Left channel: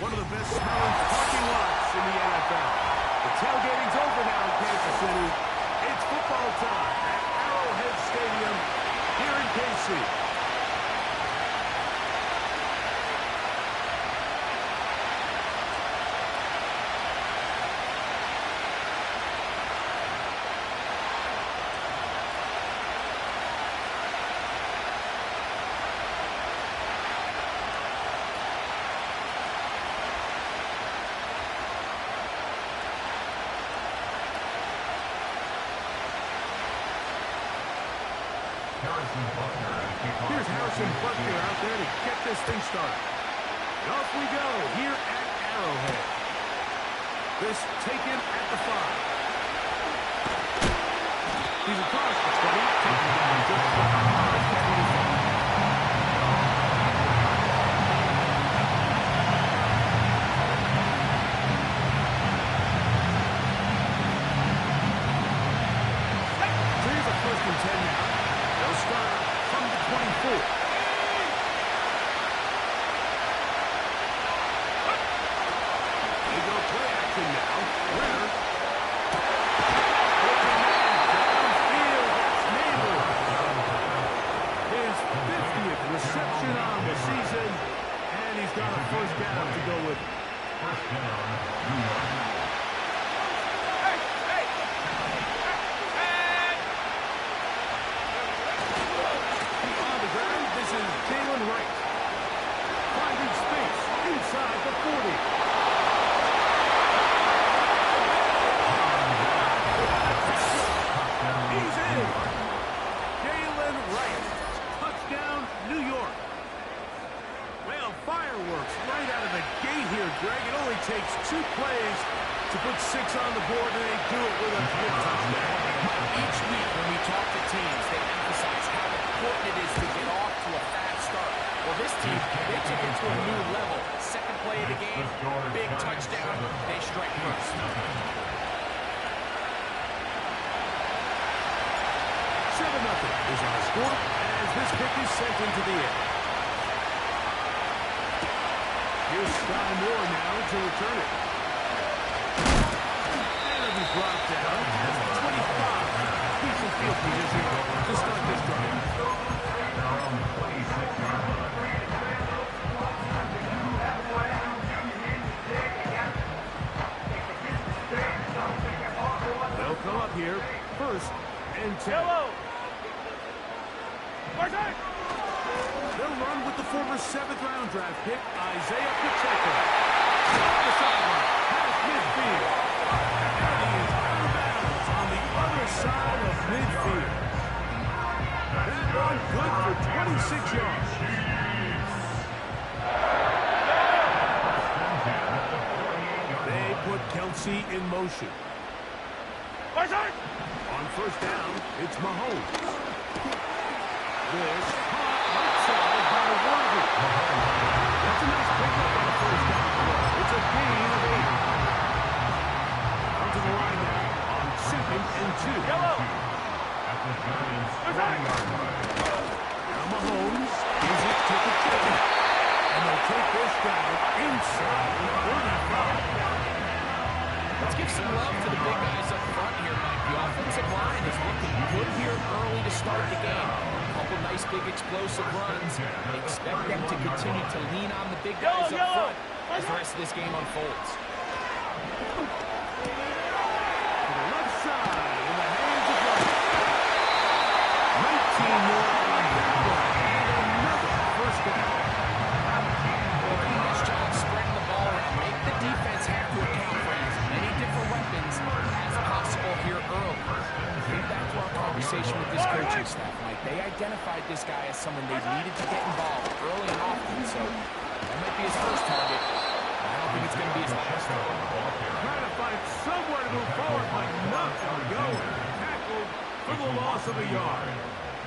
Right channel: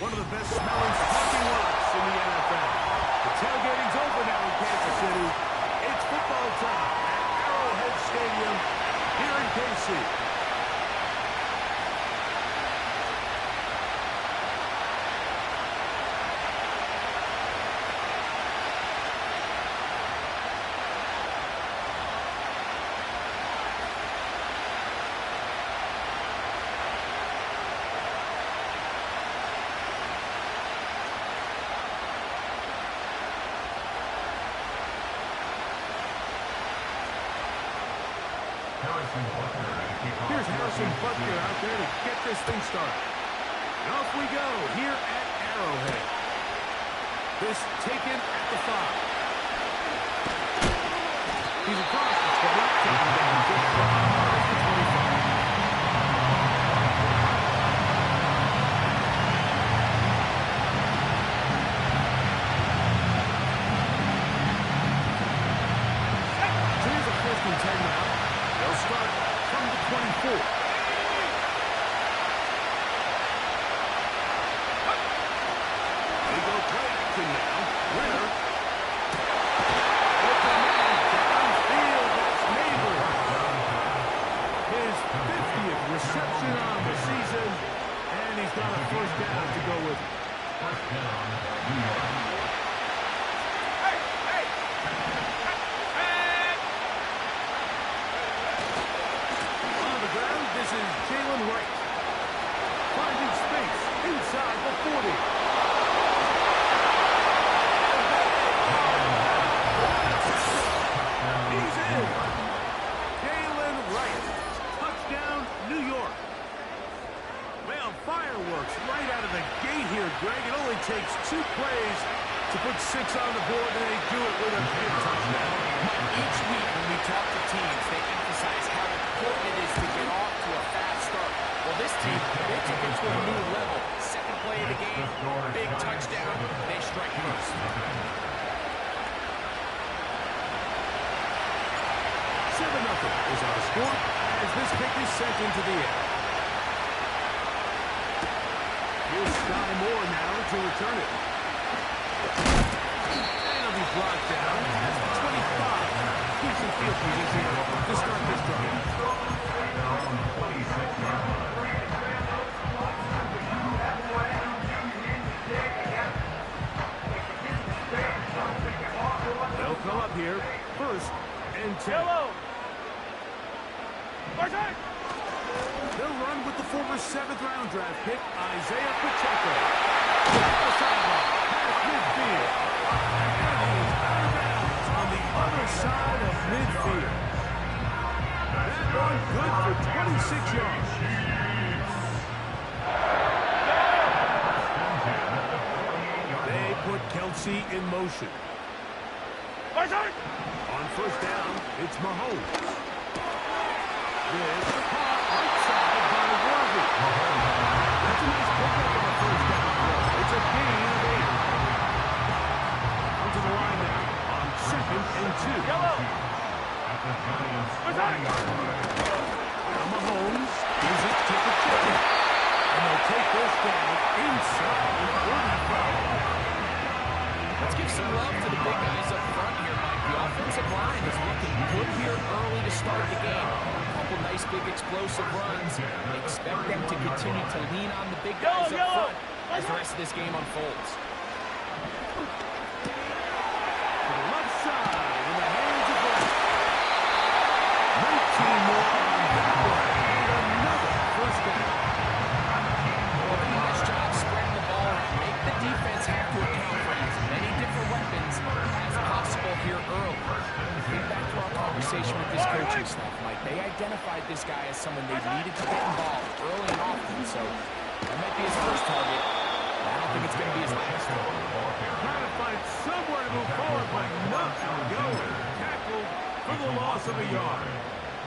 One of the best smelling parking lots in the NFL. The tailgating's over now in Kansas City. It's football time at Arrowhead Stadium here in KC. Here's Harrison Butker out there to get this thing started. And off we go here at Arrowhead. This taken at the 5. He's across the 20, taken down just shy of the 25. So here's a 1st and 10 now. They'll start from the 24. They go play action now. Winner. Open man downfield. That's Neighbor. His 50th reception on the season. And he's got a 1st down to go with it. 1st down, New York. This is Jalen Wright. Finding space inside the 40. He's in. Jalen Wright. Touchdown, New York. Well, fireworks right out of the gate here, Greg. It only takes 2 plays to put 6 on the board, and they do it with a big touchdown. Each week when we talk to teams, they emphasize how important it is to get off to a fast start. Well, this team, they took it to a new level. 2nd play of the game, big touchdown. They strike first. 7-0 is our score as this kick is sent into the air. Here's Sky Moore now to return it. Be brought down as the 25. Decent field position to start this drive. They'll come up here. 1st and 10. They'll run with the former 7th-round draft pick, Isaiah Pacheco. Off the sideline, past midfield. And he is out of bounds on the other side of midfield. That one good for 26 yards. They put Kelsey in motion. On 1st down, it's Mahomes. This caught right side by Worthy. That's a nice pickup on a 1st down throw. It's a gain of 8. To the line now on 2nd and 2. At the Giants' 40-yard line. Now Mahomes gives it to Pacheco. And they'll take this down inside the 35. Let's give some love to the big guys up front here, Mike. The offensive line is looking good here early to start the game. A couple nice big explosive runs. Expect them to continue to lean on the big guys up front as the rest of this game unfolds. Side in the hands of Wright. 19 more on that one. And another 1st down. Well, doing this job spreading the ball around. Make the defense have to account for as many different weapons as possible here early. Think back to our conversation with this coaching staff, Mike. They identified this guy as someone they needed to get involved early and often, so that might be his 1st target. I don't think it's going to be his last. Trying to find somewhere to move forward, but nothing going. Tackled for the loss of a yard.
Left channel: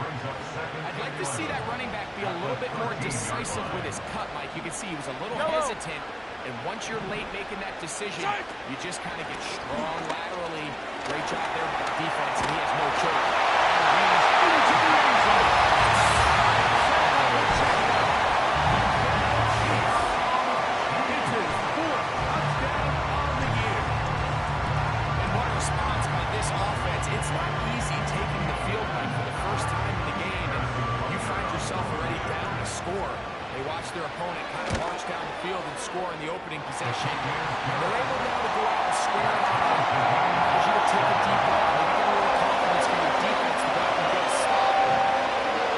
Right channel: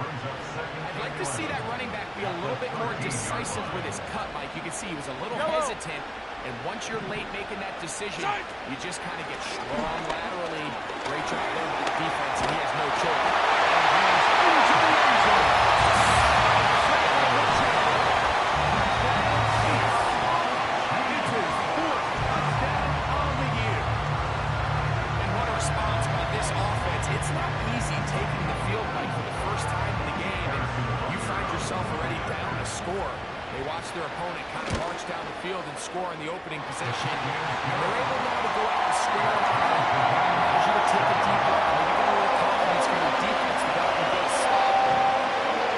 I'd like to see that running back be a little bit more decisive with his cut, Mike. You can see he was a little hesitant, and once you're late making that decision, you just kind of get strong laterally. Great job there with the defense, and he has no choice. And he's into the end zone. It's his response by this offense. It's not easy taking the field, Mike, for the first time in the game, and you find yourself already down to score. They watch their opponent kind of march down the field and score in the opening possession. And they're able now to go out and square it on. Allows you to take a deep breath, maybe get a little confidence from your defense to go out and get a stop.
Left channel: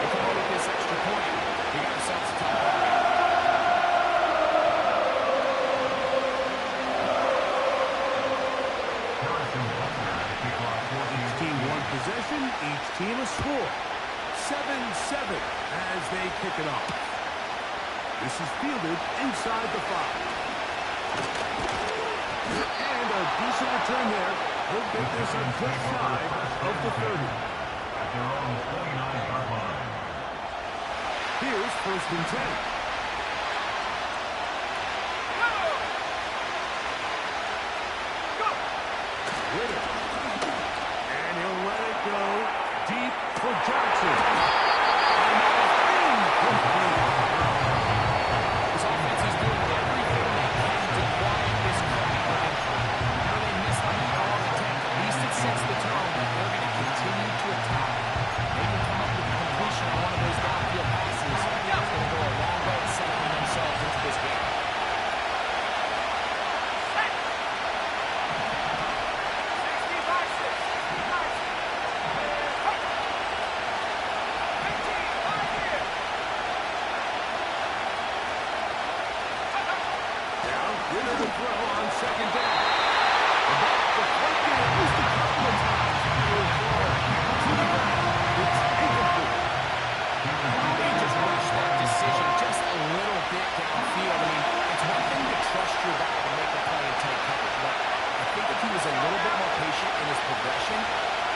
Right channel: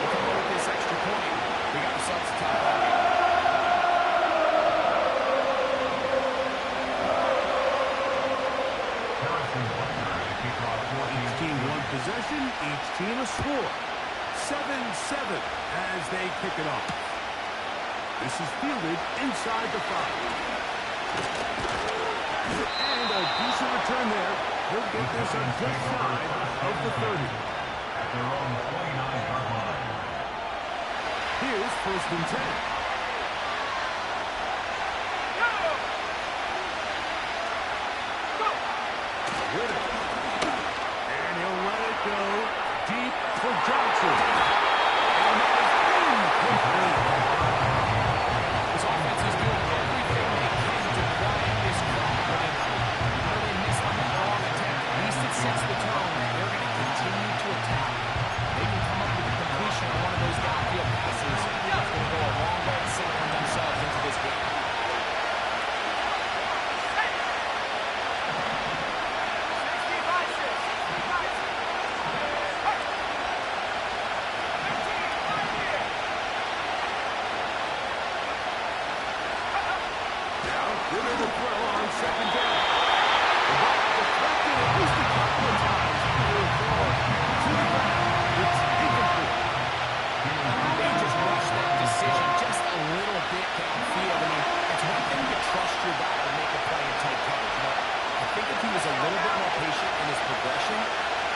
They come up with this extra point. We got ourselves a top ball game. Each team one possession, each team a score. 7-7 as they kick it off. This is fielded inside the 5. And a decent return there. He'll get this up just shy of the 30. At their own 29-yard line. Here's 1st and 10. Ritter. And he'll let it go deep for Johnson. And that is incomplete. This offense is doing everything they can to quiet this crowd. And even they missed on that long attempt, at least it sets the tone that they're going to continue to attack. They can come up with a completion on one of those downfield passes. It's going to go a long way to settling themselves into this game. Ritter to throw on 2nd down. The ball deflected at least a couple of times. It'll fall to the ground. It's incomplete. They just rushed that decision just a little bit downfield. I mean, it's one thing to trust your guy to make a play in tight coverage, but I think if he was a little bit more patient in his progression,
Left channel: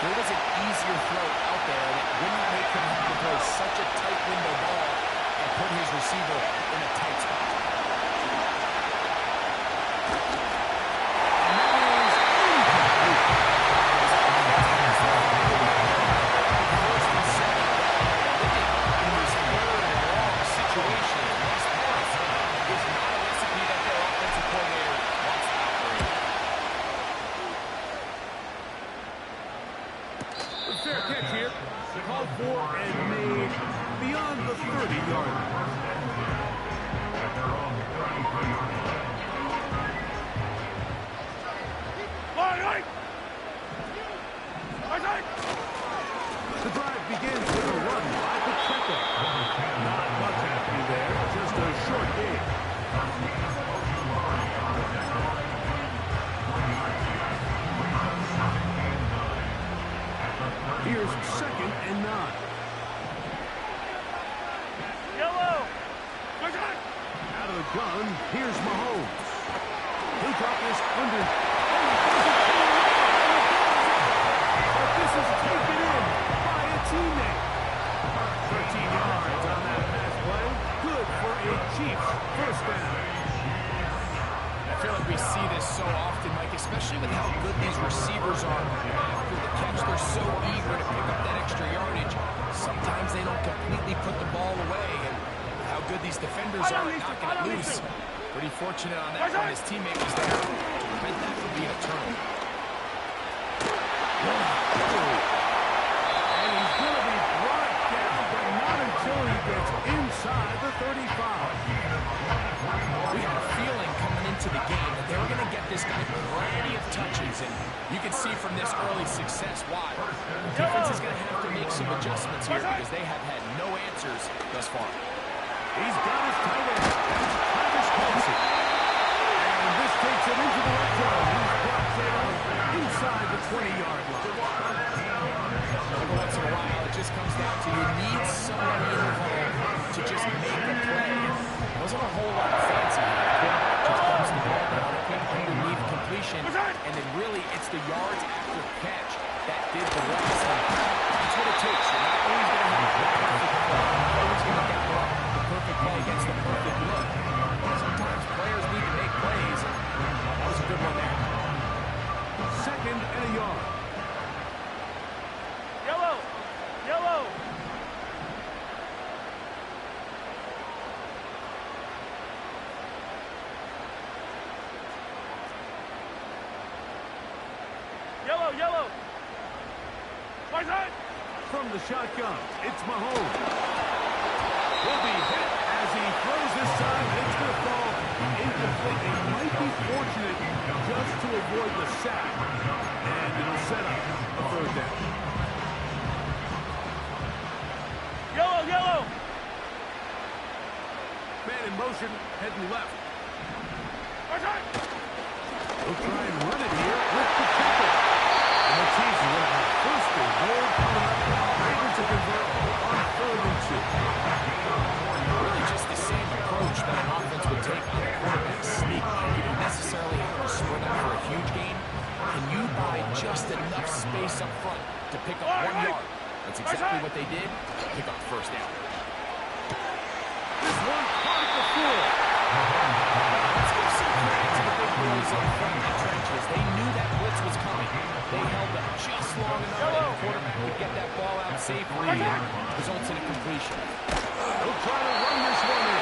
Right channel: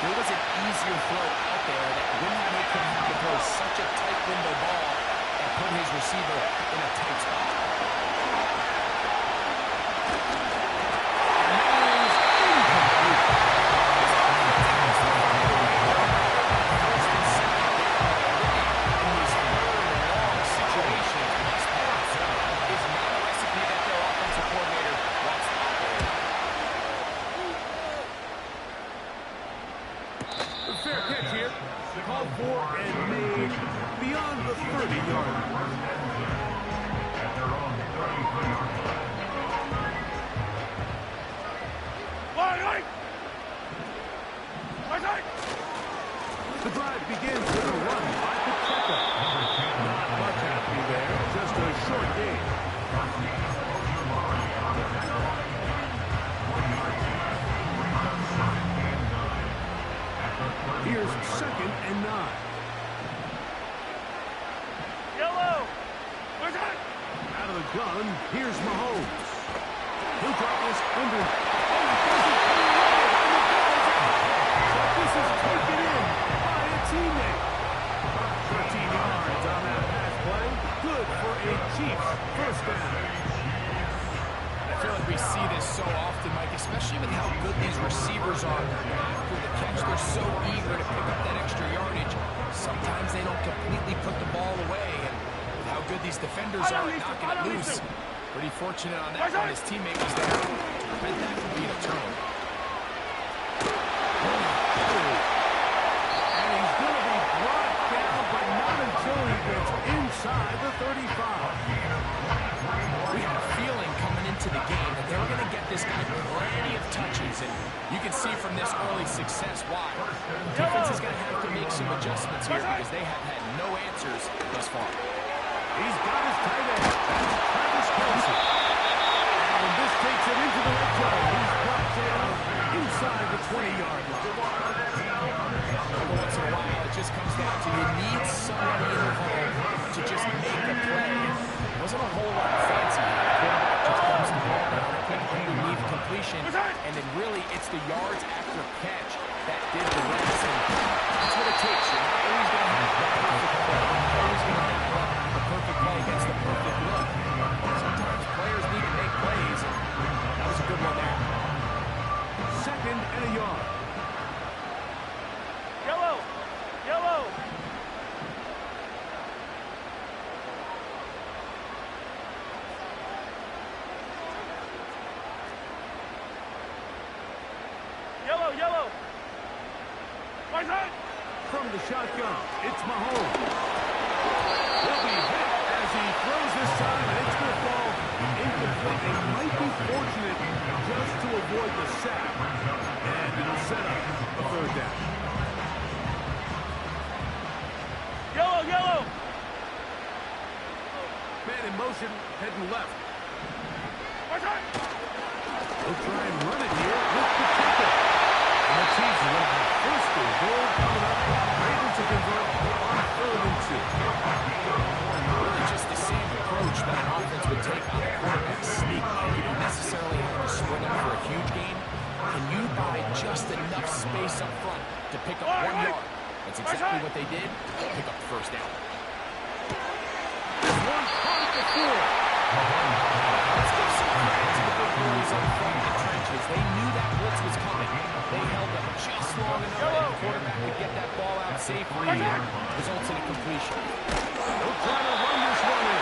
there was an easier throw out there that wouldn't make him have to throw such a tight window ball and put his receiver in a tight spot. Fair catch here. Called for and made beyond the 30-yard line. At their own 33-yard line. The drive begins with a run by Pacheco. Not much happening there, just a short game. Here's 2nd and 9. Yellow! Out of the gun, here's Mahomes. He'll drop this under. Oh, he doesn't pull away, and the ball's out. But this is taken in by a teammate. 13 yards on that pass play. Good for a Chiefs 1st down. I feel like we see this so often, Mike, especially with how good these receivers are after the catch. They're so eager to pick up that extra yardage. Sometimes they don't completely put the ball away, and with how good these defenders are at knocking it loose, pretty fortunate on that one. His teammate was there. Prevent that from being a turnover. And he's going to be brought down, but not until he gets inside the 35. We had a feeling coming into the game that they were going to get this guy plenty of touches, and you can see from this early success why. The defense is going to have to make some adjustments here because they have had no answers thus far. He's got his tight end. That's Travis Kelce. And this takes it into the red zone. He's brought down inside the 20-yard line. Every once in a while, it just comes down to you need somebody in the hole to just make a play. It wasn't a whole lot of fancy. Quarterback just dumps the ball down, quick underneath completion, and then really it's the yards after catch that did the rest. And that's what it takes. You're not always going to have the perfect play. You're not always going to dial up the perfect play against the perfect look. Sometimes players need to make plays, and that was a good one there. 2nd and a yard. Yellow! Yellow! Yellow! Yellow, yellow. My side. From the shotgun, it's Mahomes. He'll be hit as he throws this time, and it's going to fall incomplete. They might be fortunate just to avoid the sack, and it'll set up a third down. Yellow, yellow. Man in motion, heading left. My side. They'll try and run it here with Pacheco. And the Chiefs are going to have first and goal coming up, able to convert on 3rd and 2. Really just the same approach that an offense would take on a quarterback sneak. You don't necessarily have to sprint up for a huge gain. Can you buy just enough space up front to pick up 1 yard? That's exactly what they did. Pick up the first down. This one caught at the 4. Let's give some credit to the big boys up front in the trenches. They knew that blitz was coming. They held up just long enough that the quarterback could get that ball out safely and results in a completion. They'll try to run this one in.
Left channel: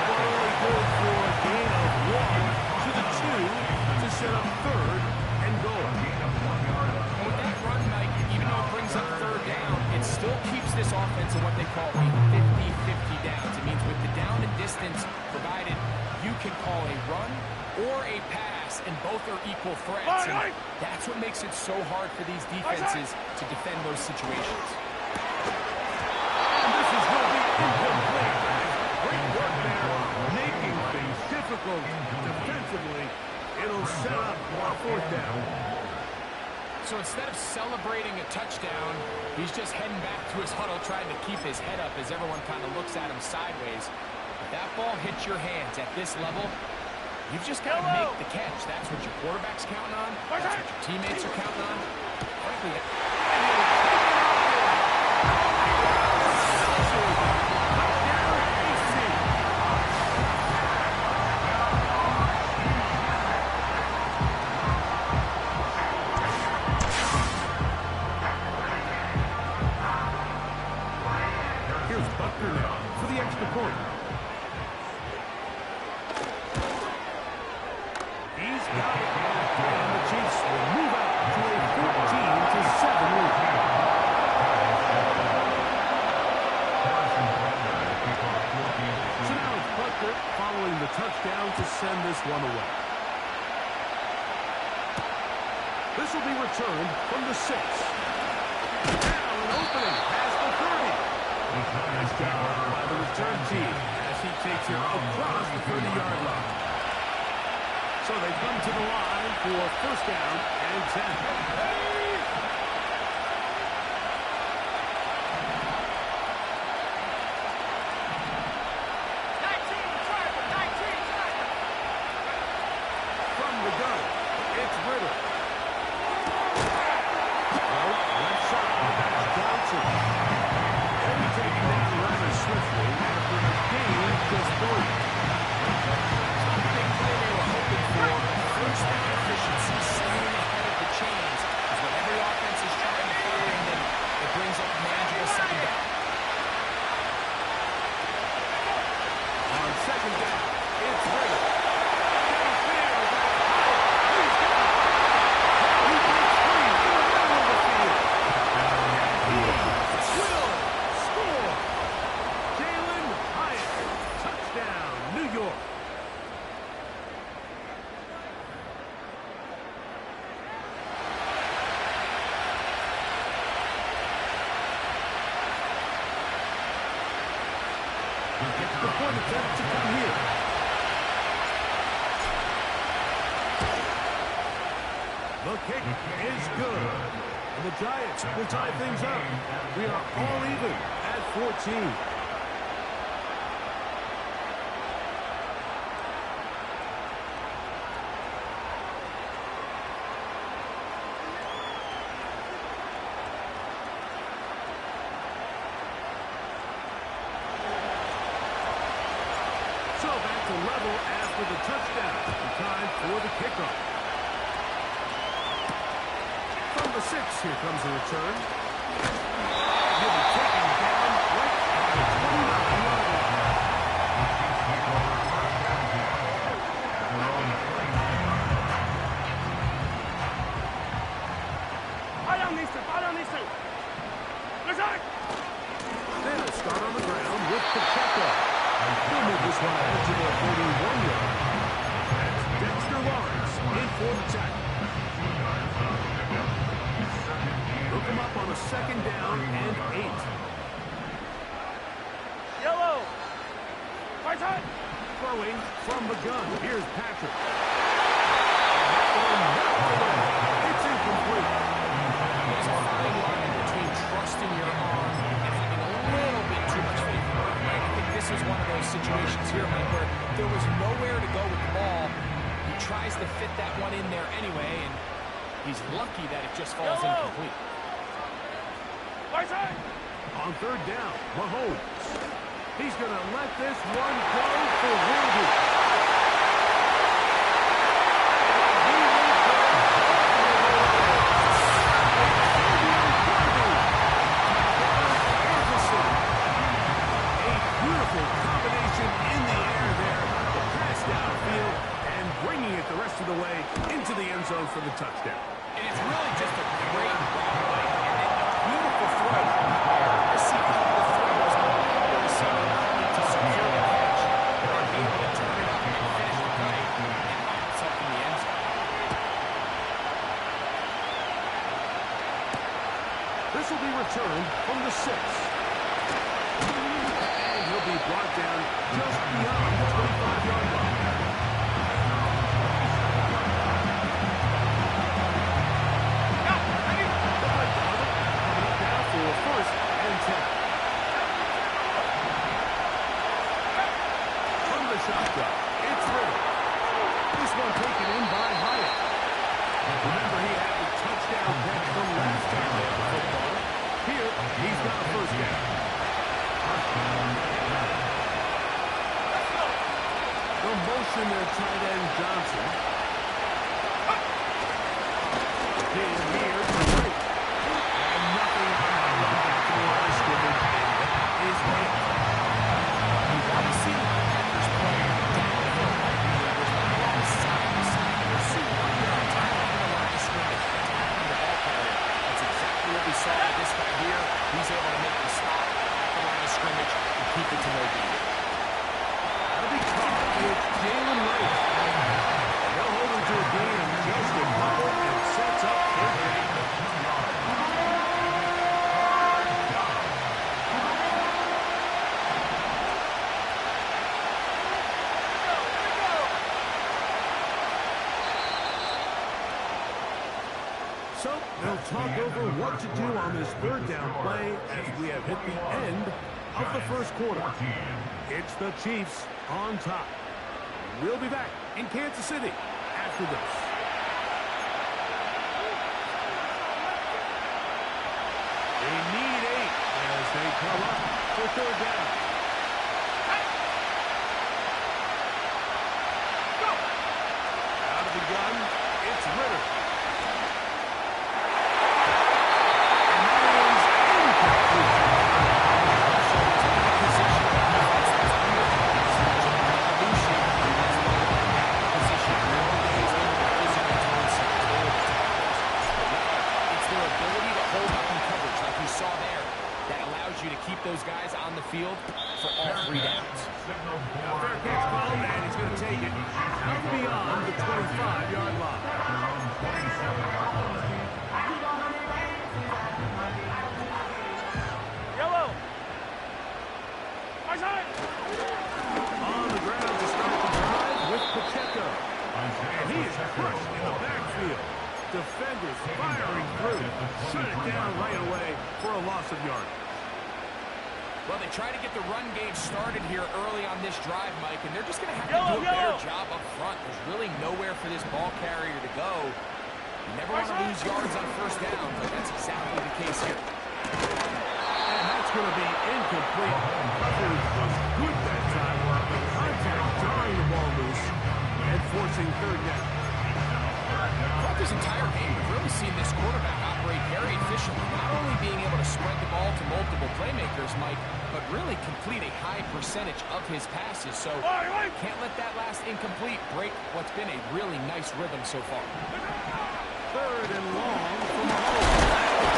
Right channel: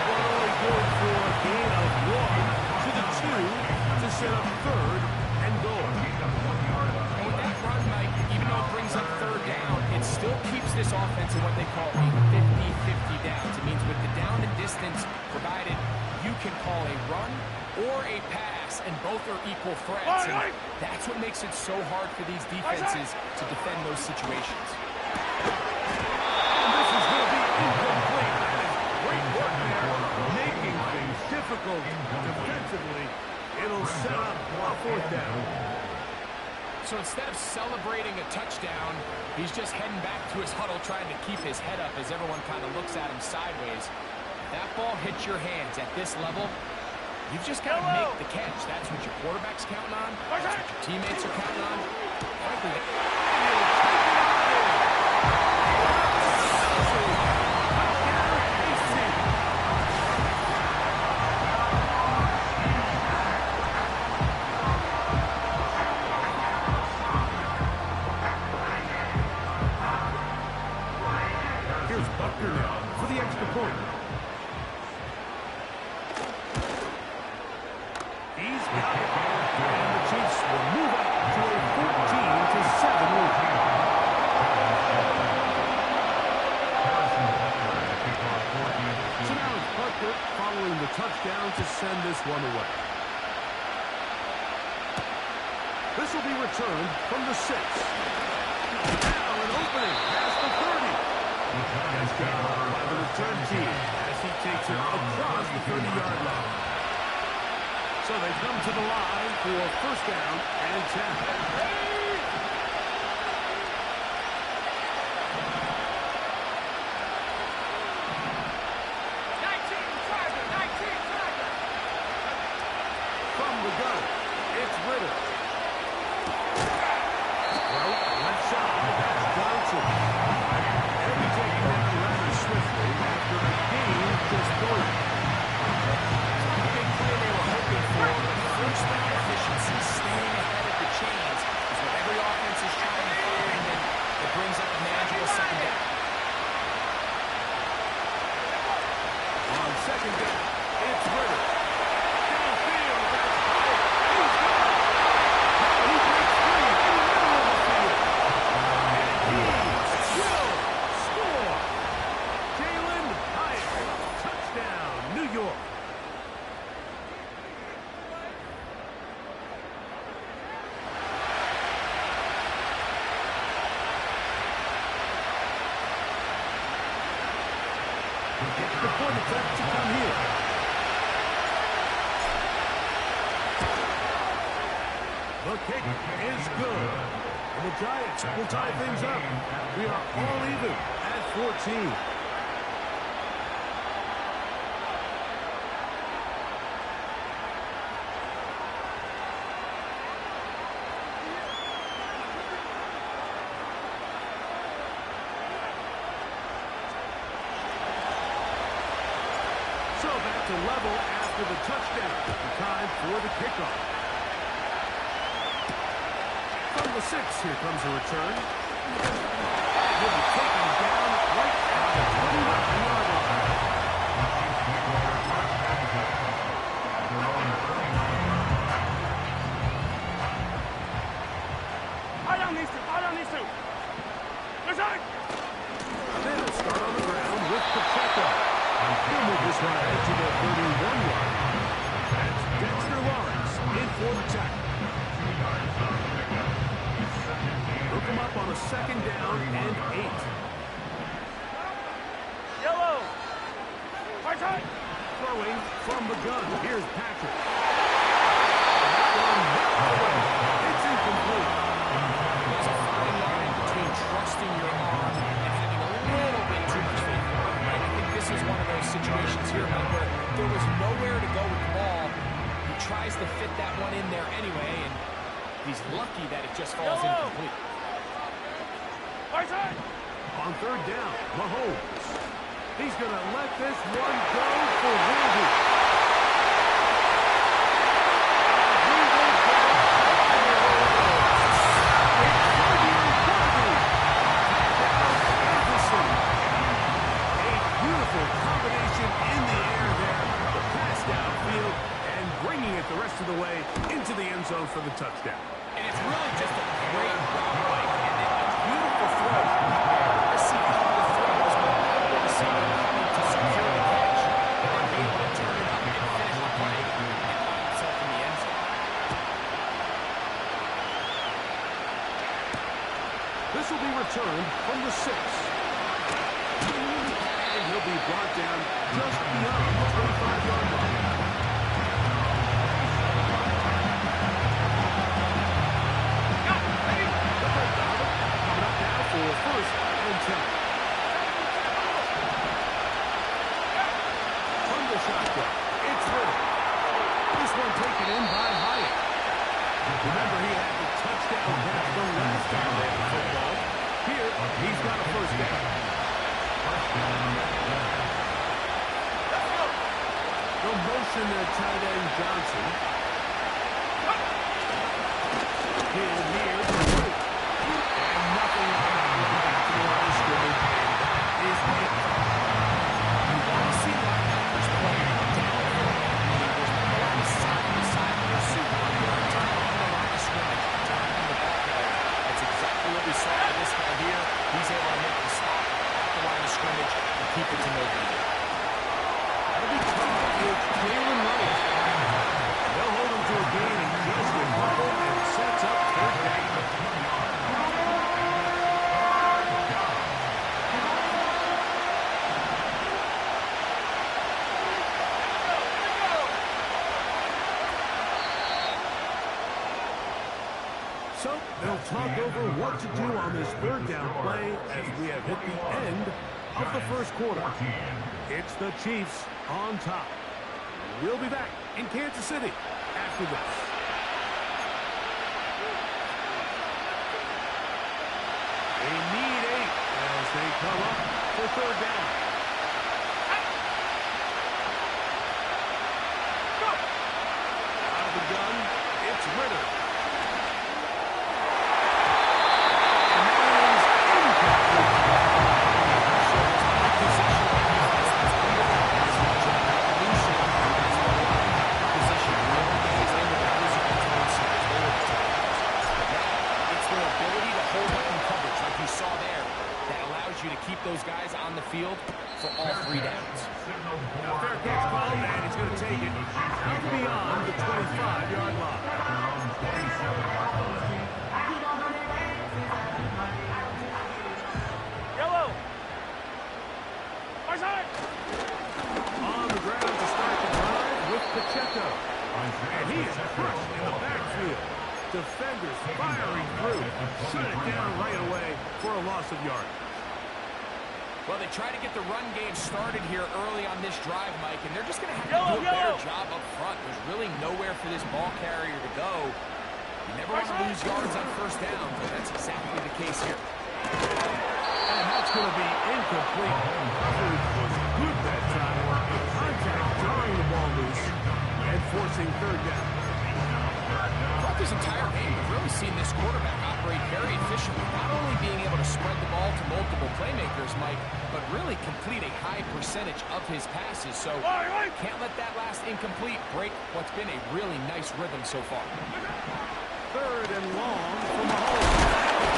Only good for a gain of 1 to the 2 to set up 3rd and goal. And with that run, Mike, even though it brings up 3rd down, it still keeps this offense in what they call a 50-50 downs. It means with the down and distance provided, you can call a run or a pass, and both are equal threats. And that's what makes it so hard for these defenses to defend those situations. And this is going to be incomplete. That is great work there, making things difficult defensively. It'll set up a 4th down. So instead of celebrating a touchdown, he's just heading back to his huddle trying to keep his head up as everyone kind of looks at him sideways. If that ball hits your hands at this level, you've just got to make the catch. That's what your quarterback's counting on. That's what your teammates are counting on. Frankly, And he'll take it on in. Touchdown, AC. Here's Buckner now for the extra point. He's got it. And the Chiefs will move out to a 14-7 lead. So now it's Buckner following the touchdown to send this one away. This will be returned from the 6. Now an opening past the 30. Nice job by the return team as he takes it across the 30-yard line. So they come to the line for 1st down and 10. 19 Tiger. From the gun, it's Ritter. Well, left side, that's Johnson. He'll be taken down rather swiftly after a gain of just 3. it's not the big play they were hoping for, but first down efficiency, staying ahead of the chains, is what every offense is trying to find, and it brings up a manageable 2nd down. On 2nd down, it's Ritter. Downfield, that's Hyatt. He's got it. Now he breaks free in the middle of the field. And he will score. Jalen Hyatt. Touchdown, New York. The point attempt to come here. The kick is good. And the Giants will tie things up. We are all even at 14. So back to level after the touchdown. Time for the kickoff. From the 6, here comes a return. And he'll be taken down right at the 29-yard line. down these two. Fire down these two. Resign. They'll start on the ground with Pacheco. He'll move this one ahead to the 31-yard line. That's Dexter Lawrence in for the tackle. He'll come up on a second down and 8. Yellow. Right side. Throwing from the gun. Here's Patrick. And that one knocked away. It's incomplete. There's a fine line between trusting your arm and having a little bit too much faith in it, right? I think this is one of those situations here, Mike, where there was nowhere to go with the ball. He tries to fit that one in there anyway, and he's lucky that it just falls incomplete. Right side. On third down, Mahomes. He's going to let this one go for Worthy. And he will go all the way. A beautiful combination in the air there. The pass downfield and bringing it the rest of the way into the end zone for the touchdown. And it's really just a great route, Mike, and then a beautiful throw. I see how the throw was allowed the receiver not only to secure the catch, but then be able to turn it up and finish the play and find himself in the end zone. This will be returned from the 6. And he'll be brought down just beyond the 25-yard line. The play coming up now for first and 10. From the shotgun, it's Ritter. This one taken in by Hyatt. Remember, he had the touchdown catch the last time they had the football. Here, he's got a first down. The motion there, tight end Johnson. Give here to White. And nothing on that run back to the line of scrimmage, and that is it. You want to see linebackers play downhill like there's not a lot of side-to-side pursuit on your entire on the line of scrimmage, attacking the ball carrier. That's exactly what we saw with this guy here. He's able to make the stop at the line of scrimmage and keep it to no gain. That'll be caught. It's Jalen Wright. They'll hold him to a gain of just a couple and sets up third down. So they'll talk over what to do on this third down play as we have hit the end of the first quarter. It's the Chiefs on top. We'll be back in Kansas City after this. They need 8 as they come up for third down. Out of the gun, it's Ritter. And that is incomplete. So there's not a position of defense that's under as much of an evolution as the linebacker position. In the old days, they were the physical tone setters. They were the tacklers. But now, it's their ability to hold up in coverage, like you saw there, that allows you to keep those guys on the field for all 3 downs. Now fair catch called, and he's going to take it out beyond the 25-yard line. Yellow. Right side. On the ground to start the drive with Pacheco. And he is crushed in the backfield. Defenders firing through. Shut it down right away for a loss of yardage. Well, they try to get the run game started here early on this drive, Mike, and they're just going to have to do a better job up front. There's really nowhere for this ball carrier to go. You never want to lose yards on first down, but that's exactly the case here. And that's going to be incomplete. Coverage was good that time. The contact jarring the ball loose and forcing third down. Throughout this entire game, we've really seen this quarterback operate very efficiently, not only being able to spread the ball to multiple playmakers, Mike, but really complete a high percentage of his passes. So can't let that last incomplete break what's been a really nice rhythm so far. Third and long from Mahomes.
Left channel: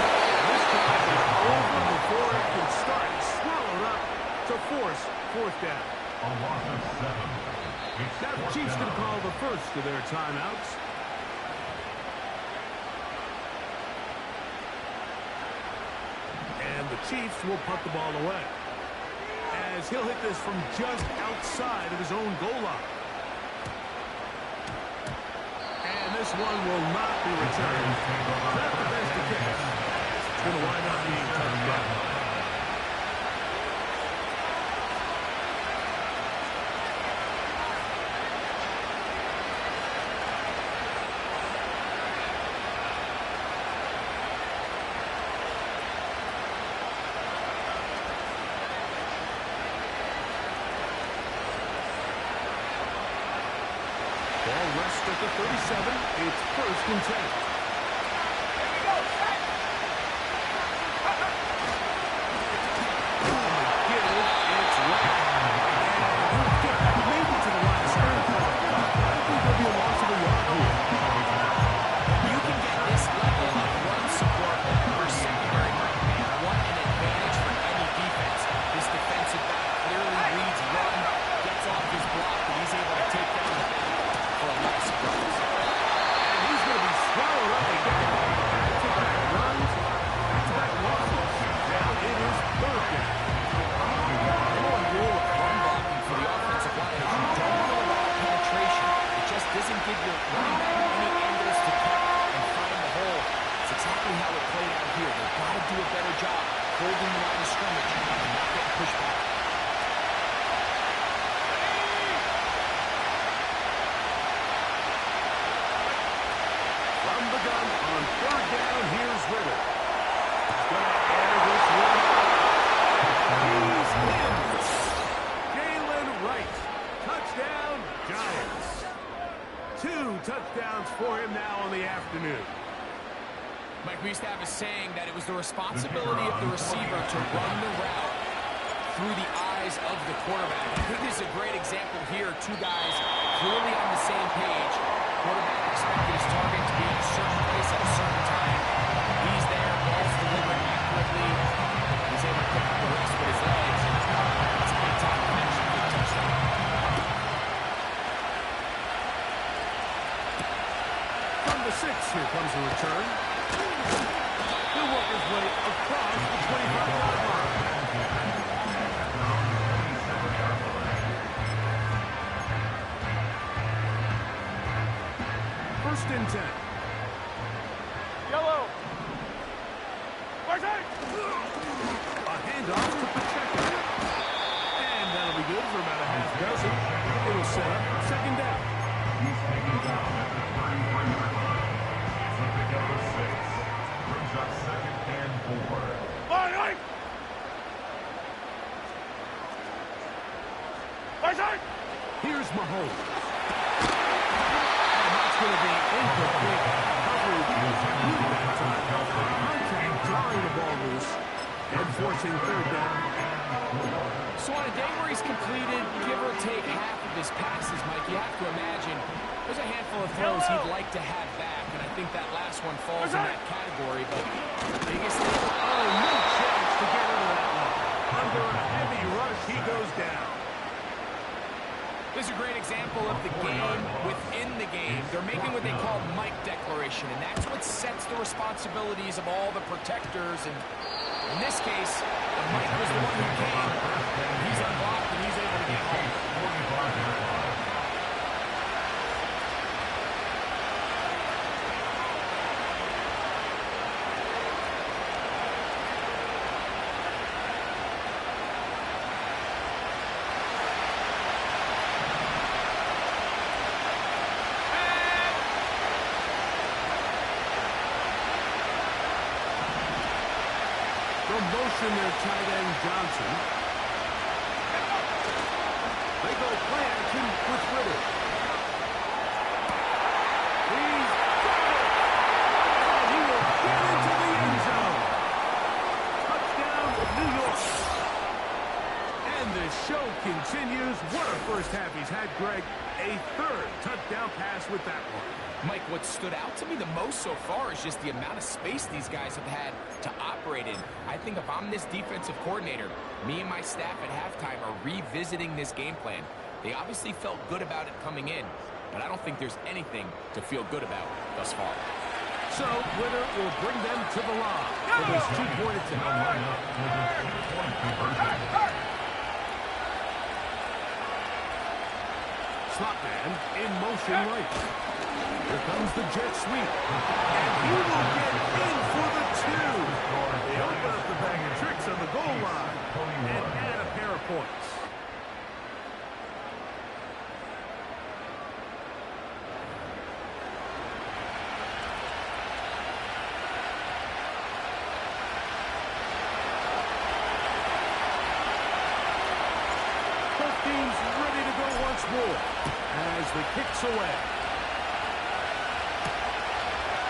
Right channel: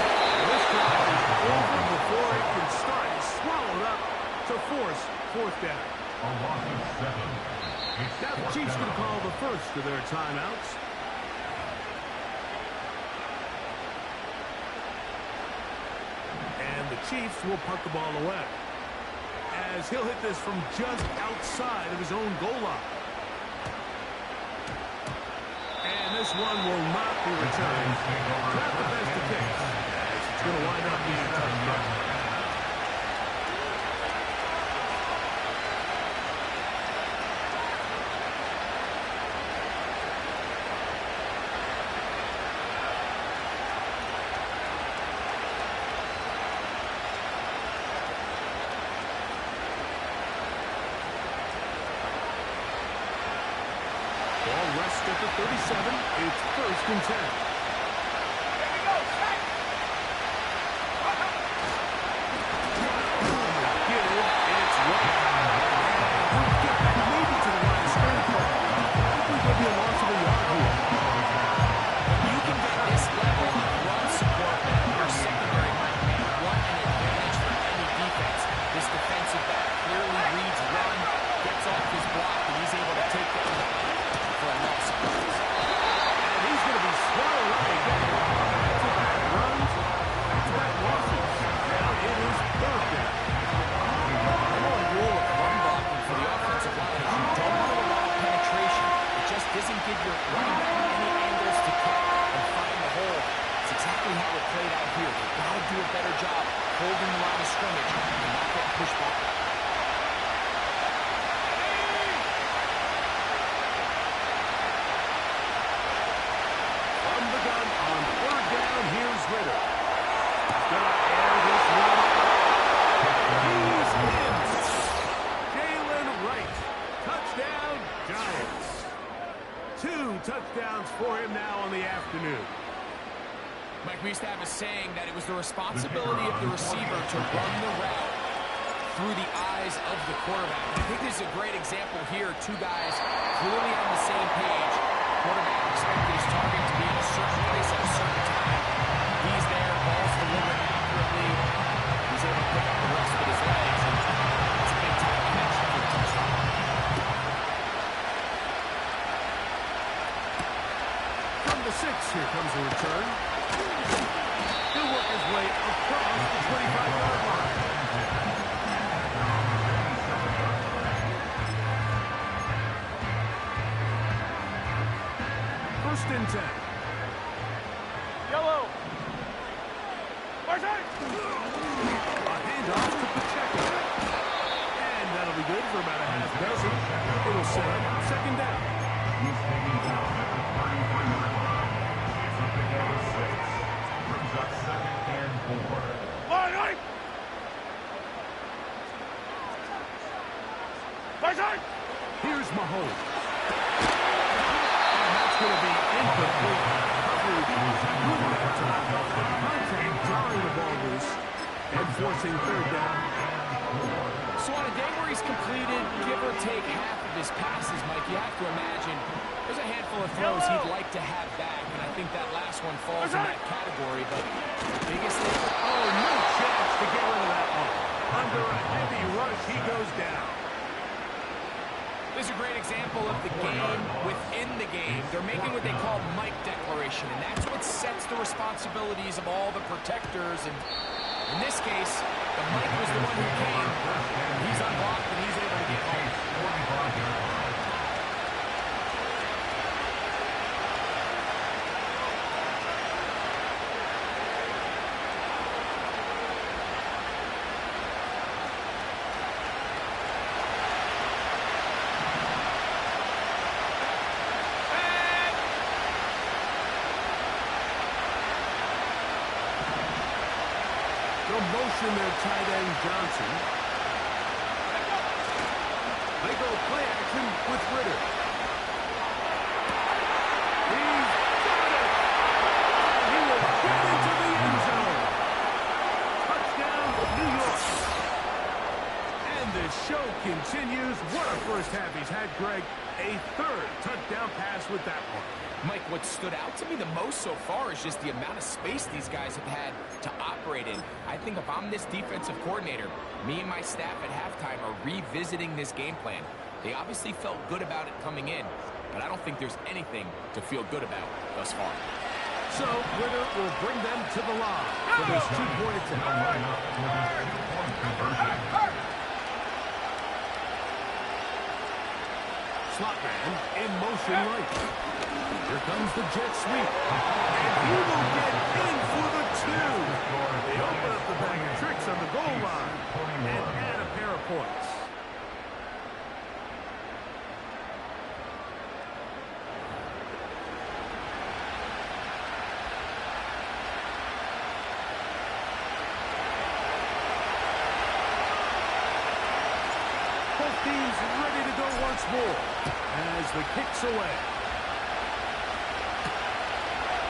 He's going to call the first of their timeouts. And the Chiefs will punt the ball away, as he'll hit this from just outside of his own goal line. And this one will not be returned. Not the best of kicks, as it's going to wind up being touchdown. Ball rests at the 37. It's 1st and 10. Here we go, set! It's right. And he'll get back maybe to the line of scrimmage. I think there'll be a loss of a yard here. When you can get this level of run support, your secondary might want an advantage for any defense. This defensive back clearly reads run, gets off his block, and he's able to take down the back for a loss of yards. And he's going to be swallowed up again. Back-to-back runs, back-to-back losses. Now it is 3rd down. The one rule of run blocking for the offensive line is you don't want to allow penetration. It just doesn't give your running back any angles to cut and find the hole. It's exactly how it played out here. They've got to do a better job holding the line of scrimmage and not getting pushed back. From the gun on 3rd down, here's Ritter. He's going to air this one out. He's in. Jalen Wright. Touchdown, Giants. 2 touchdowns for him now on the afternoon. Mike, we used to have a saying that it was the responsibility of the receiver to run the route through the eyes of the quarterback. I think this is a great example here. 2 guys clearly on the same page. Quarterback expected his target to be in a certain place at a certain time. He's there, ball's delivered accurately. He's able to pick up the rest with his legs, and it's a big-time connection for the touchdown. From the 6, here comes a return. He'll work his way across the 25-yard line. First and 10. Yellow! Right side! A handoff to Pacheco. And that'll be good for about a half dozen. It'll set up 2nd down. He's taken down at the 33-yard line. It's a big out of 6. Brings up 2nd and 4. Line right! Right side! Here's Mahomes. And that's going to be incomplete. Coverage was good that time. The contact jarring the ball loose and forcing 3rd down. So on a day where he's completed, give or take half of his passes, Mike, you have to imagine there's a handful of throws he'd like to have back, and I think that last one falls in that category, but the biggest thing... Oh, no chance to get rid of that one. Under a heavy rush, he goes down. This is a great example of the game within the game. They're making what they call Mike declaration, and that's what sets the responsibilities of all the protectors. And in this case, the Mike was the one who came. He's unblocked, and he's able to get home. 45-yard line. They'll motion their tight end Johnson. They go play action with Ritter. He's got it! And he will get into the end zone. Touchdown, New York. And the show continues. What a first half he's had, Greg. A 3rd touchdown pass with that one. Mike, what stood out to me the most so far is just the amount of space these guys have had to operate in. I think if I'm this defensive coordinator, me and my staff at halftime are revisiting this game plan. They obviously felt good about it coming in, but I don't think there's anything to feel good about thus far. So, winner will bring them to the line for this two-point attempt. Slot man in motion right. Here comes the jet sweep. And he will get in for the two. They open up the bag of tricks on the goal line and add a pair of points. Both teams ready to go once more as the kick's away.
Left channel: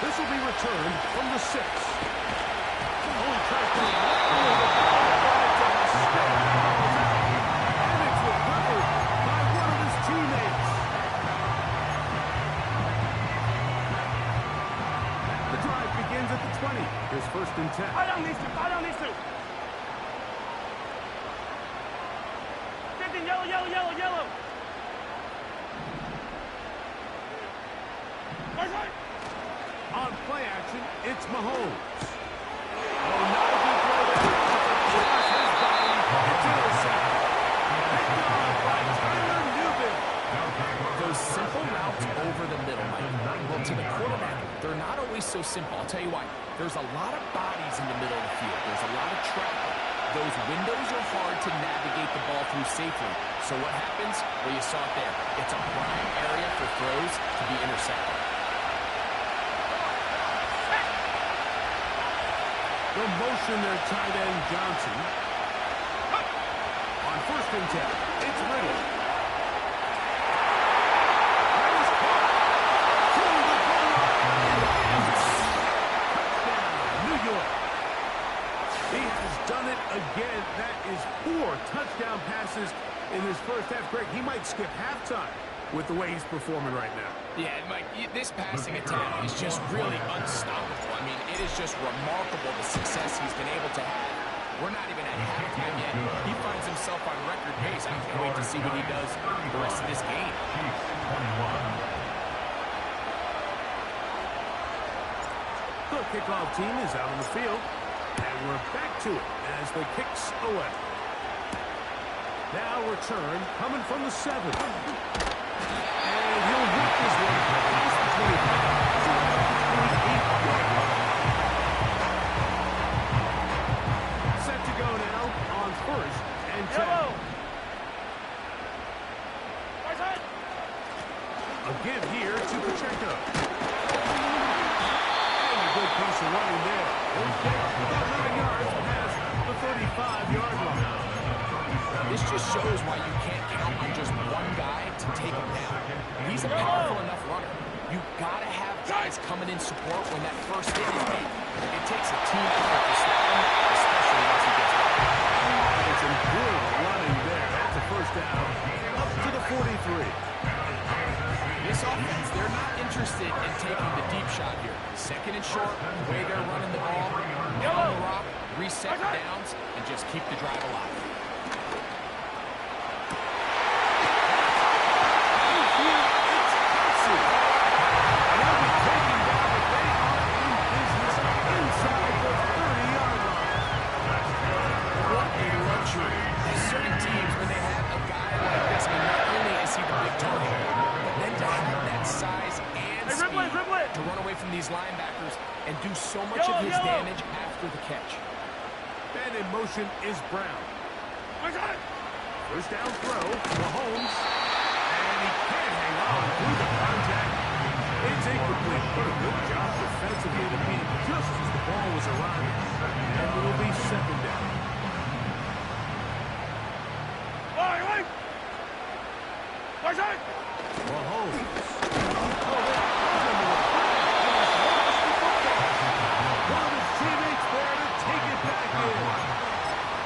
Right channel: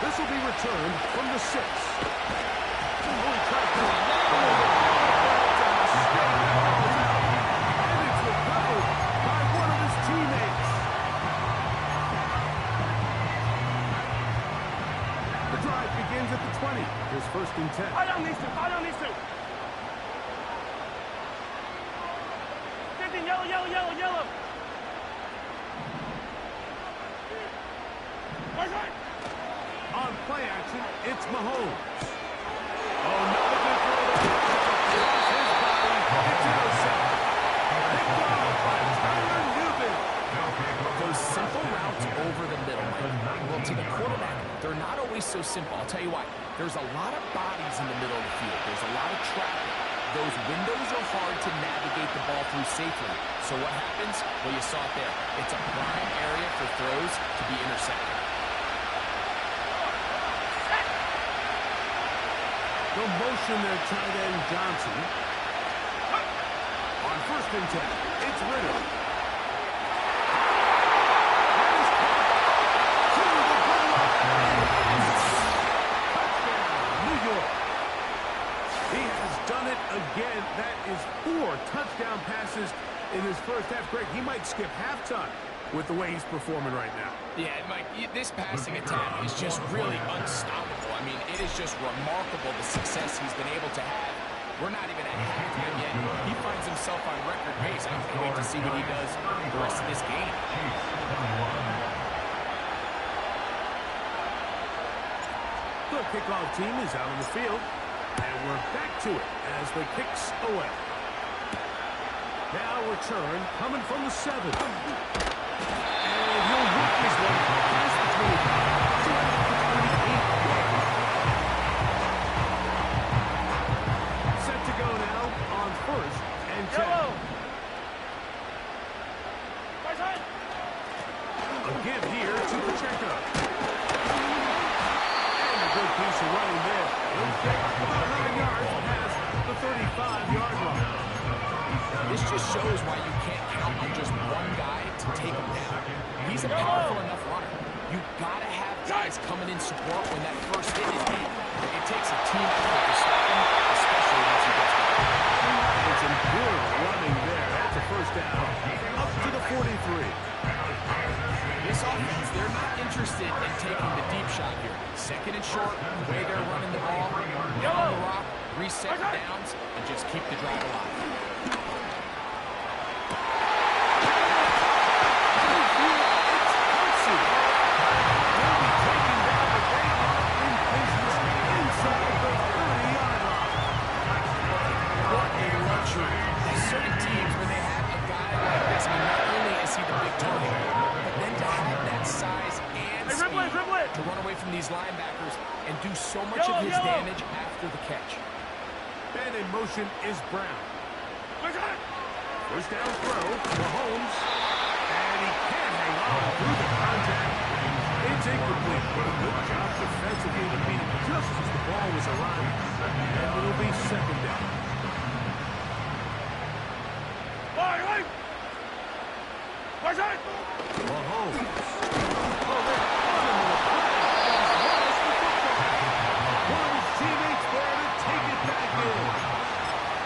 This will be returned from the 6. Oh, he tries to lower the ball, but it's a mistake. And it's recovered by one of his teammates. The drive begins at the 20. Here's 1st and 10. Fire down these two. Fire down these two. 15, yellow, yellow, yellow, yellow. Right. On play action, it's Mahomes. Oh, not a good throw there. It's across his body. It's intercepted. Picked off by Tyler Newman. Those simple routes over the middle, Mike. Well, to the quarterback, they're not always so simple. I'll tell you why. There's a lot of bodies in the middle of the field. There's a lot of traffic. Those windows are hard to navigate the ball through safely. So what happens? Well, you saw it there. It's a prime area for throws to be intercepted. No motion there, tight end Johnson. On 1st and 10, it's Ritter. That is caught. To the goal line. Touchdown, New York. He has done it again. That is 4 touchdown passes in his first half. Greg, he might skip halftime with the way he's performing right now. Yeah, Mike, this passing attack is just really unstoppable. I mean, it is just remarkable the success he's been able to have. We're not even at halftime yet. He finds himself on record pace. I can't wait to see what he does the rest of this game. The kickoff team is out on the field. And we're back to it as the kick's away. Now return coming from the 7. And he'll whip this one past the 25 to the 28-yard line. Set to go now on 1st and 10. Yellow. Right side. A give here to Pacheco. And a good piece of running there. He'll get about 9 yards past the 35-yard line. This just shows why you can't count on just one guy to take him down. He's a powerful enough runner. You've got to have guys coming in support when that first hit is made. It takes a team effort to stop him, especially once he gets going. And some good running there. That's a 1st down up to the 43. This offense, they're not interested in taking the deep shot here. 2nd and short, the way they're running the ball, down the rock, reset downs, and just keep the drive alive. Certain teams, when they have a guy like this, I mean, not only is he the big target, but then to have that size and speed to run away from these linebackers and do so much of his damage after the catch. And in motion is Brown. 1st down throw, Mahomes. And he can't hang on through the contact. It's incomplete, but a good job defensively to beat it just as the ball was arriving. And it'll be 2nd down. Mahomes. Oh, they're on him with a flag, and he's lost the football. One of his teammates there to take it back in.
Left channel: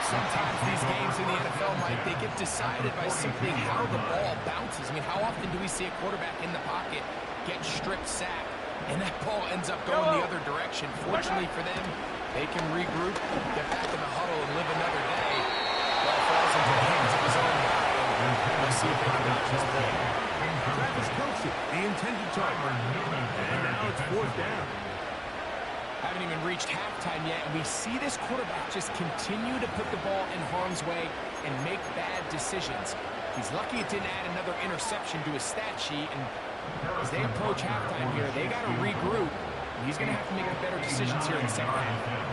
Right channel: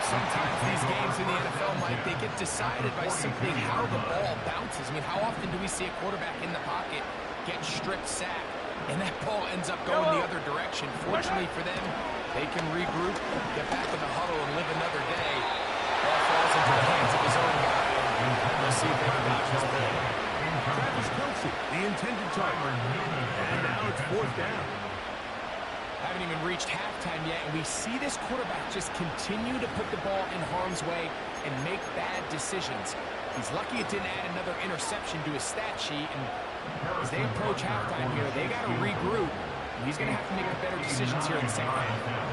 Sometimes these games in the NFL, Mike, they get decided by simply how the ball bounces. I mean, how often do we see a quarterback in the pocket get stripped sack, and that ball ends up going the other direction? Fortunately for them, they can regroup, get back in the huddle, and live another day. Ball falls into the hands of his own guy. Let's see if they can dodge this play. Travis Kelce, the intended target. And now it's fourth down. Haven't even reached halftime yet, and we see this quarterback just continue to put the ball in harm's way and make bad decisions. He's lucky it didn't add another interception to his stat sheet, and as they approach halftime here, they got to regroup, and he's going to have to make better decisions here in the second half.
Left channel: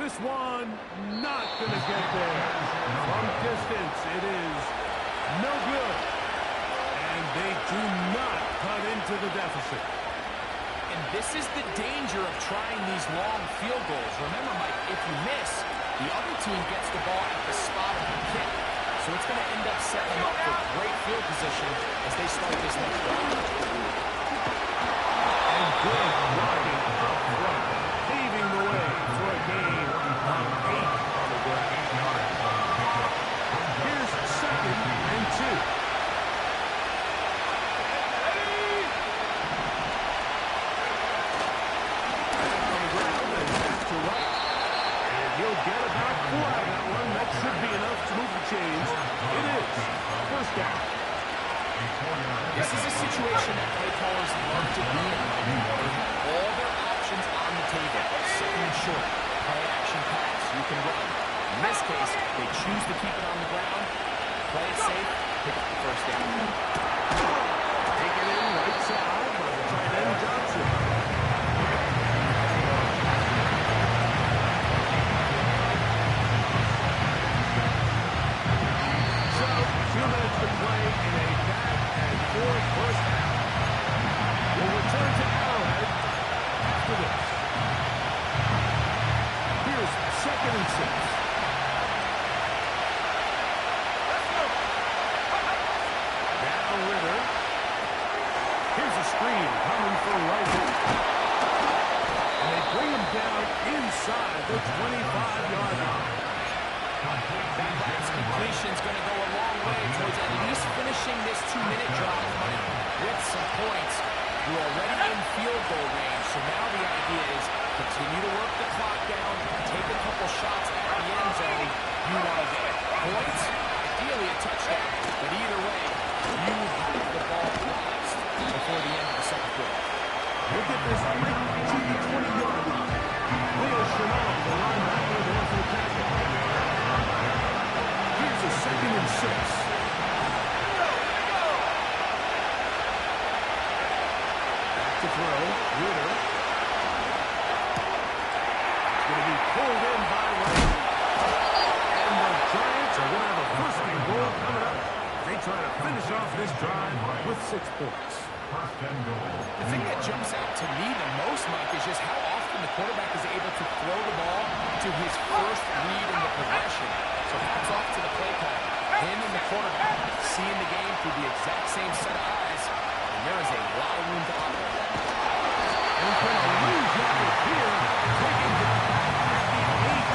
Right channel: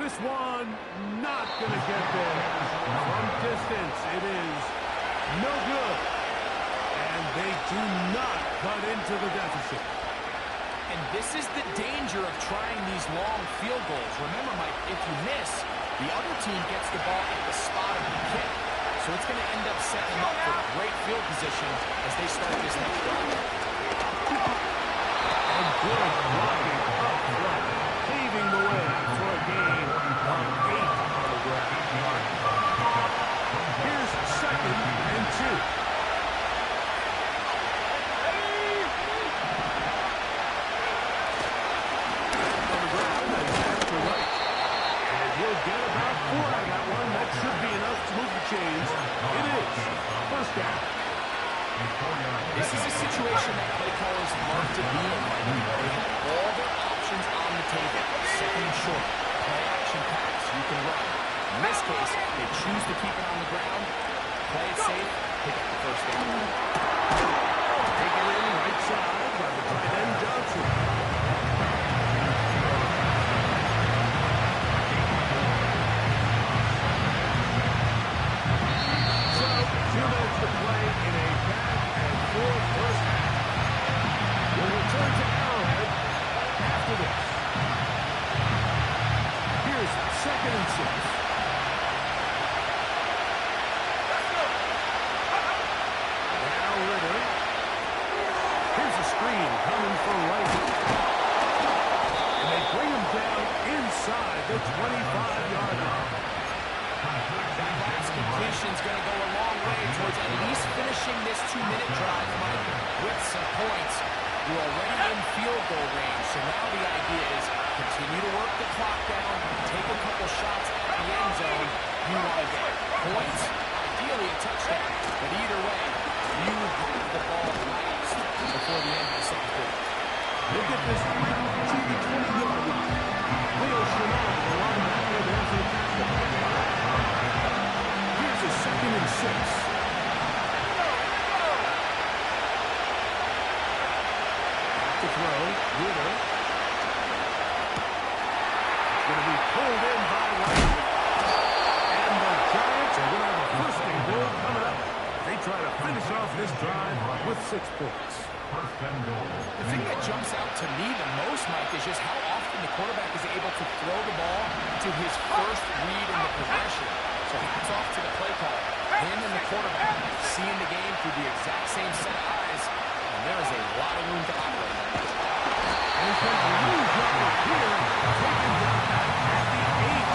This one not going to get there. From distance, it is no good. And they do not cut into the deficit. And this is the danger of trying these long field goals. Remember, Mike, if you miss, the other team gets the ball at the spot of the kick. So it's going to end up setting them up for great field position as they start this next drive. And good blocking up front, paving the way for a gain of 8 on the ground. Here's 2nd and 2. He'll get about 4 out of that one. That should be enough to move the chains. It is. First down. This is a situation that play callers love to be in, Mike. They have all their options on the table. Second and short, play action pass, you can run. In this case, they choose to keep it on the ground, play it safe, pick up the first down. Taken in right side by the tight end Johnson. So, 2 minutes to play in a back-and-forth first half. We'll return to Arrowhead after this. Here's 2nd and 6. Let's go. Now Ritter. Here's a screen coming for Wright. And they bring him down inside the 25-yard line. That last completion is going to go a long way towards at least finishing this 2-minute drive, Mike, with some points. You're already in field goal range, so now the idea is continue to work the clock down, take a couple shots at the end zone. You want to get points, ideally a touchdown, but either way, you have the ball last before the end of the second quarter. Look at this right to the 20-yard line. Leo Chanel, the linebacker, there for the tackle. Here's a 2nd and 6. Back to throw. Ritter. It's going to be pulled in by Wright. And the Giants are going to have a first and goal coming up. They try to finish off this drive with 6 points. The thing that jumps out to me the most, Mike, is just how often the quarterback is able to throw the ball to his first read in the progression. So hats off to the play caller. Him and the quarterback seeing the game through the exact same set of eyes, and there is a lot of room to operate. And he's going to lose yardage here, taken down back at the 8.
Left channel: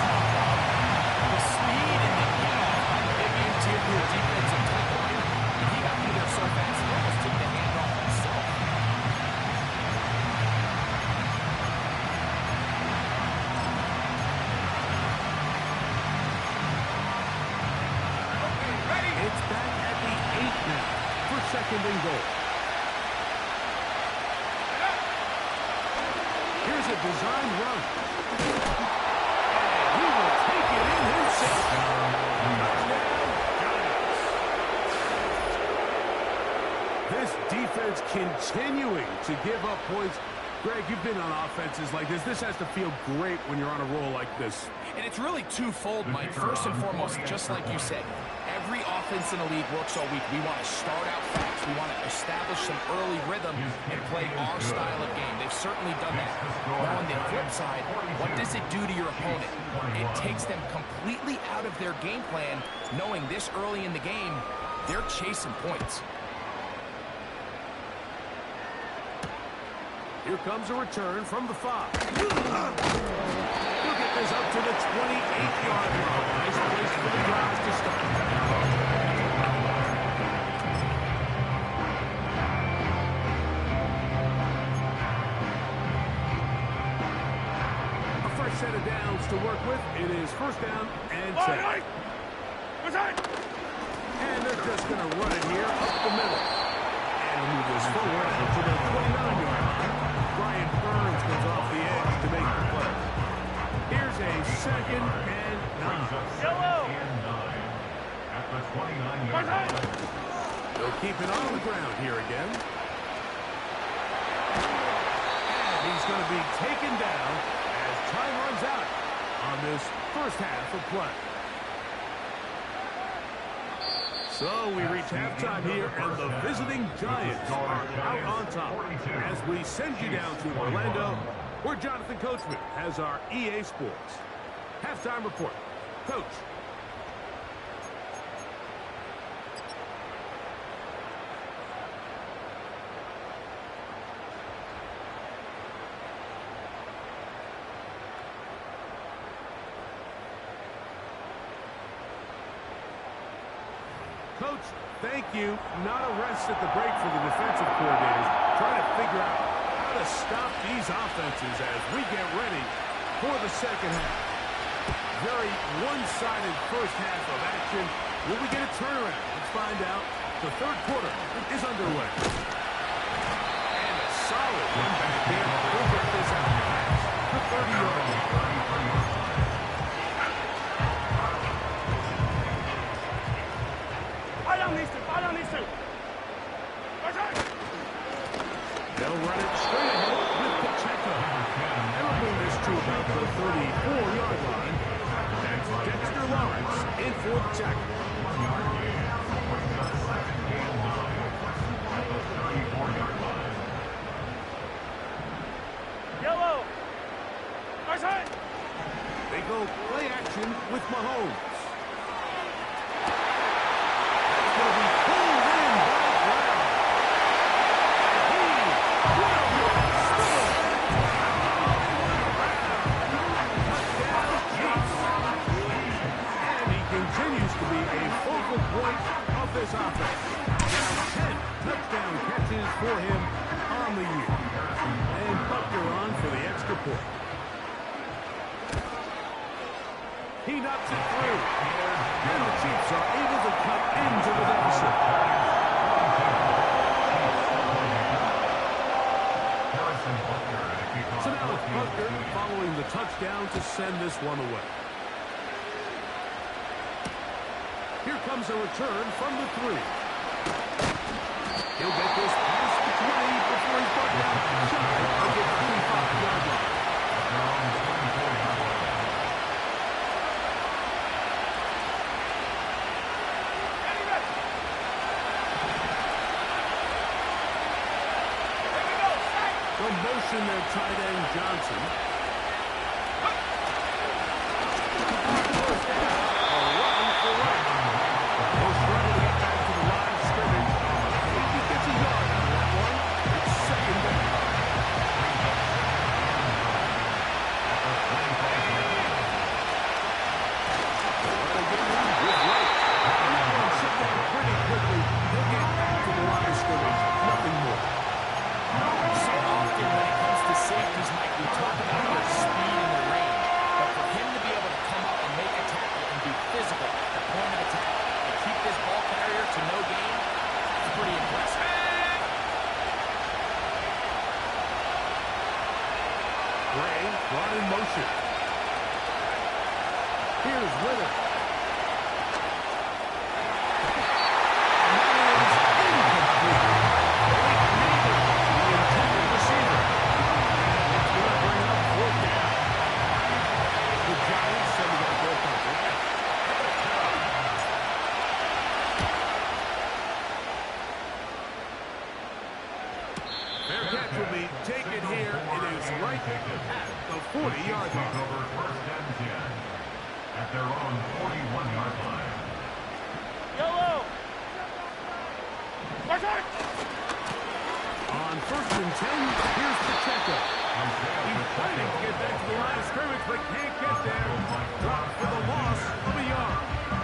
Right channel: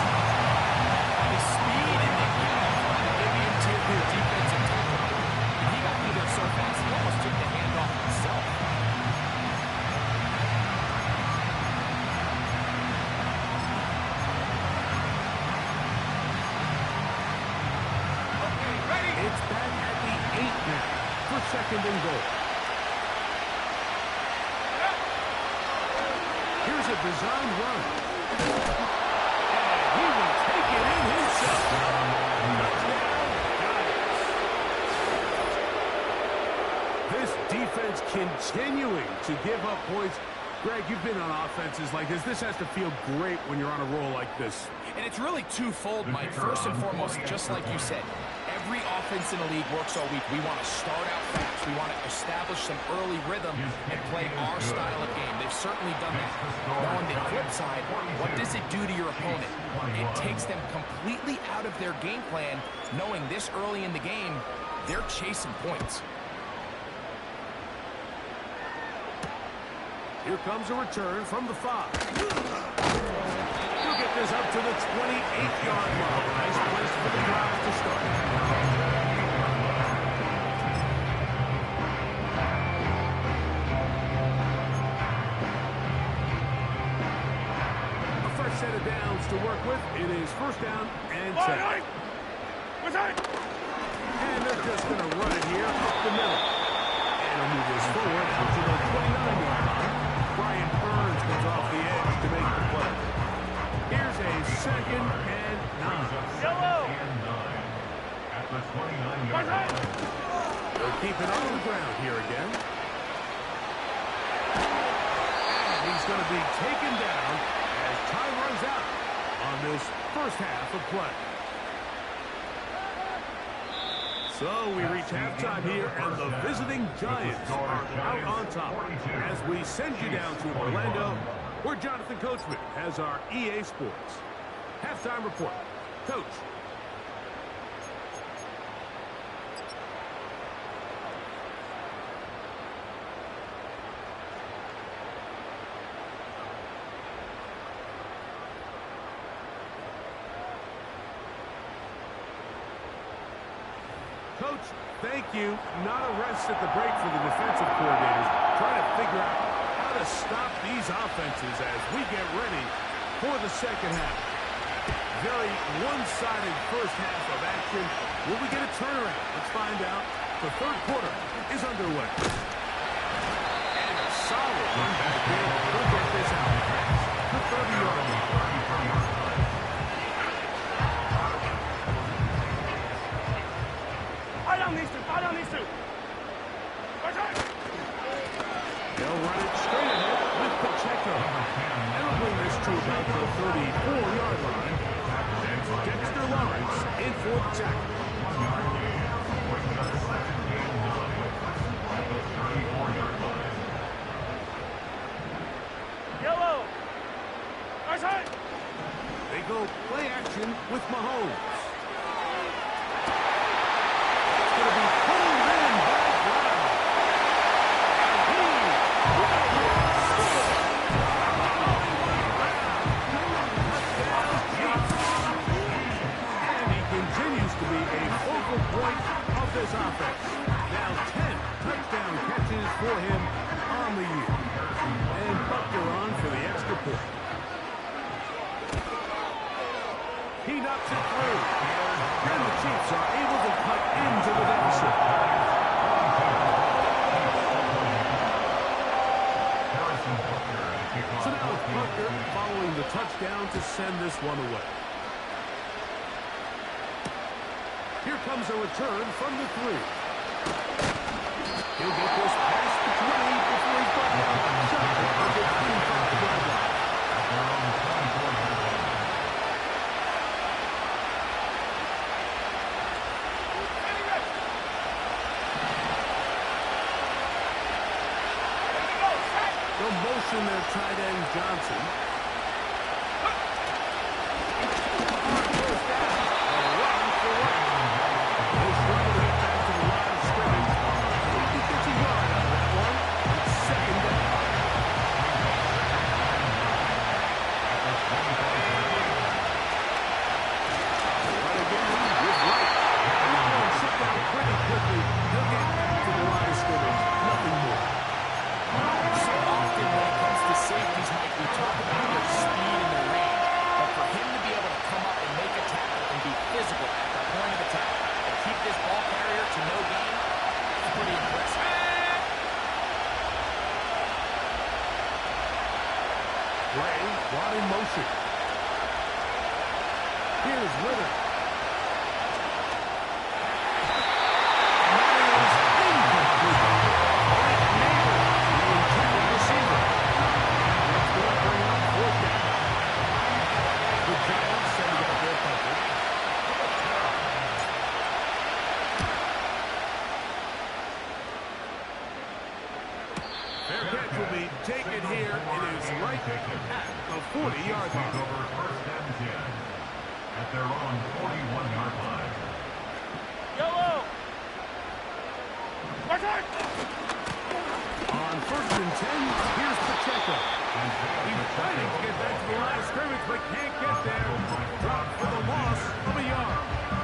The speed and the get-off by the big interior defensive tackle. And he got through there so fast, he almost took the handoff himself. It's back at the 8 now for 2nd and goal. Here's a designed run. And he will take it in himself. Touchdown, Giants. This defense continuing to give up points. Greg, you've been on offenses like this. This has to feel great when you're on a roll like this. And it's really twofold, Mike. First and foremost, just like you said, every offense in the league works all week. We want to start out fast. We want to establish some early rhythm and play our style of game. They've certainly done that. Now, on the flip side, what does it do to your opponent? It takes them completely out of their game plan, knowing this early in the game, they're chasing points. Here comes a return from the 5. He'll get this up to the 28-yard line. Nice place for the drive to start. A 1st set of downs to work with. It is first down and 10. And they're just going to run it here up the middle. And he'll move this forward out to the 29-yard line. Brian Burns comes off the edge to make the play. Here's a second and 9. Yellow! And 9 at the 29-yard line. They'll keep it on the ground here again. And he's going to be taken down as time runs out on this first half of play. So we reach halftime here, and the visiting Giants are out on top as we send you down to Orlando, where Jonathan Coachman has our EA Sports halftime report. Coach. Coach, thank you. Not a rest at the break for the defensive coordinators, trying to figure out how to stop these offenses as we get ready for the second half. Very one-sided first half of action. Will we get a turnaround? Let's find out. The third quarter is underway. And a solid run back there. We'll get this out past the 30-yard line. They'll run it straight ahead with Pacheco. And we'll bring this to about the 34-yard line. That's Dexter Lawrence in for the tackle. 1-yard gain. Brings up second and 9 at the 34-yard line. Yellow! They go play action with Mahomes. That's going to be pulled in by Brown. And he will score. Hollywood Brown. Touchdown, Chiefs. And he continues to be a focal point of this offense. Now 10 touchdown catches for him on the year. And Butker on for the extra point. He knocks it through. And the Chiefs are able to cut into the deficit. So now it's Butker following the touchdown to send this one away. Here comes a return from the 3. He'll get this past the 20 before he's brought down shy of the 25-yard line. At their own 24-yard line. They'll motion their tight end, Johnson. On first down, a run for right. He'll struggle to get back to the line of scrimmage. If he gets a yard out of that one, it's second down. At the 25-yard line. Run again with right. And that one shut down pretty quickly. He'll get back to the line of scrimmage. Nothing more. So often when it comes to safeties, Mike, we talk about their speed and their range. But for him to be able to come up and make a tackle and be physical at the point of attack and keep this ball carrier to no gain, that's pretty impressive. Gray brought in motion. Here's Ritter. And that is incomplete. Malik Neighbor, the intended receiver. And it's going to bring up fourth down. The Giants sending out their punter. Fair catch will be taken here. It is right at the 40-yard line. Take over first and 10 at their own 41-yard line. Yellow! On first and 10, here's Pacheco. He's fighting to get back to the line of scrimmage, but can't get there. Dropped for the loss of a yard.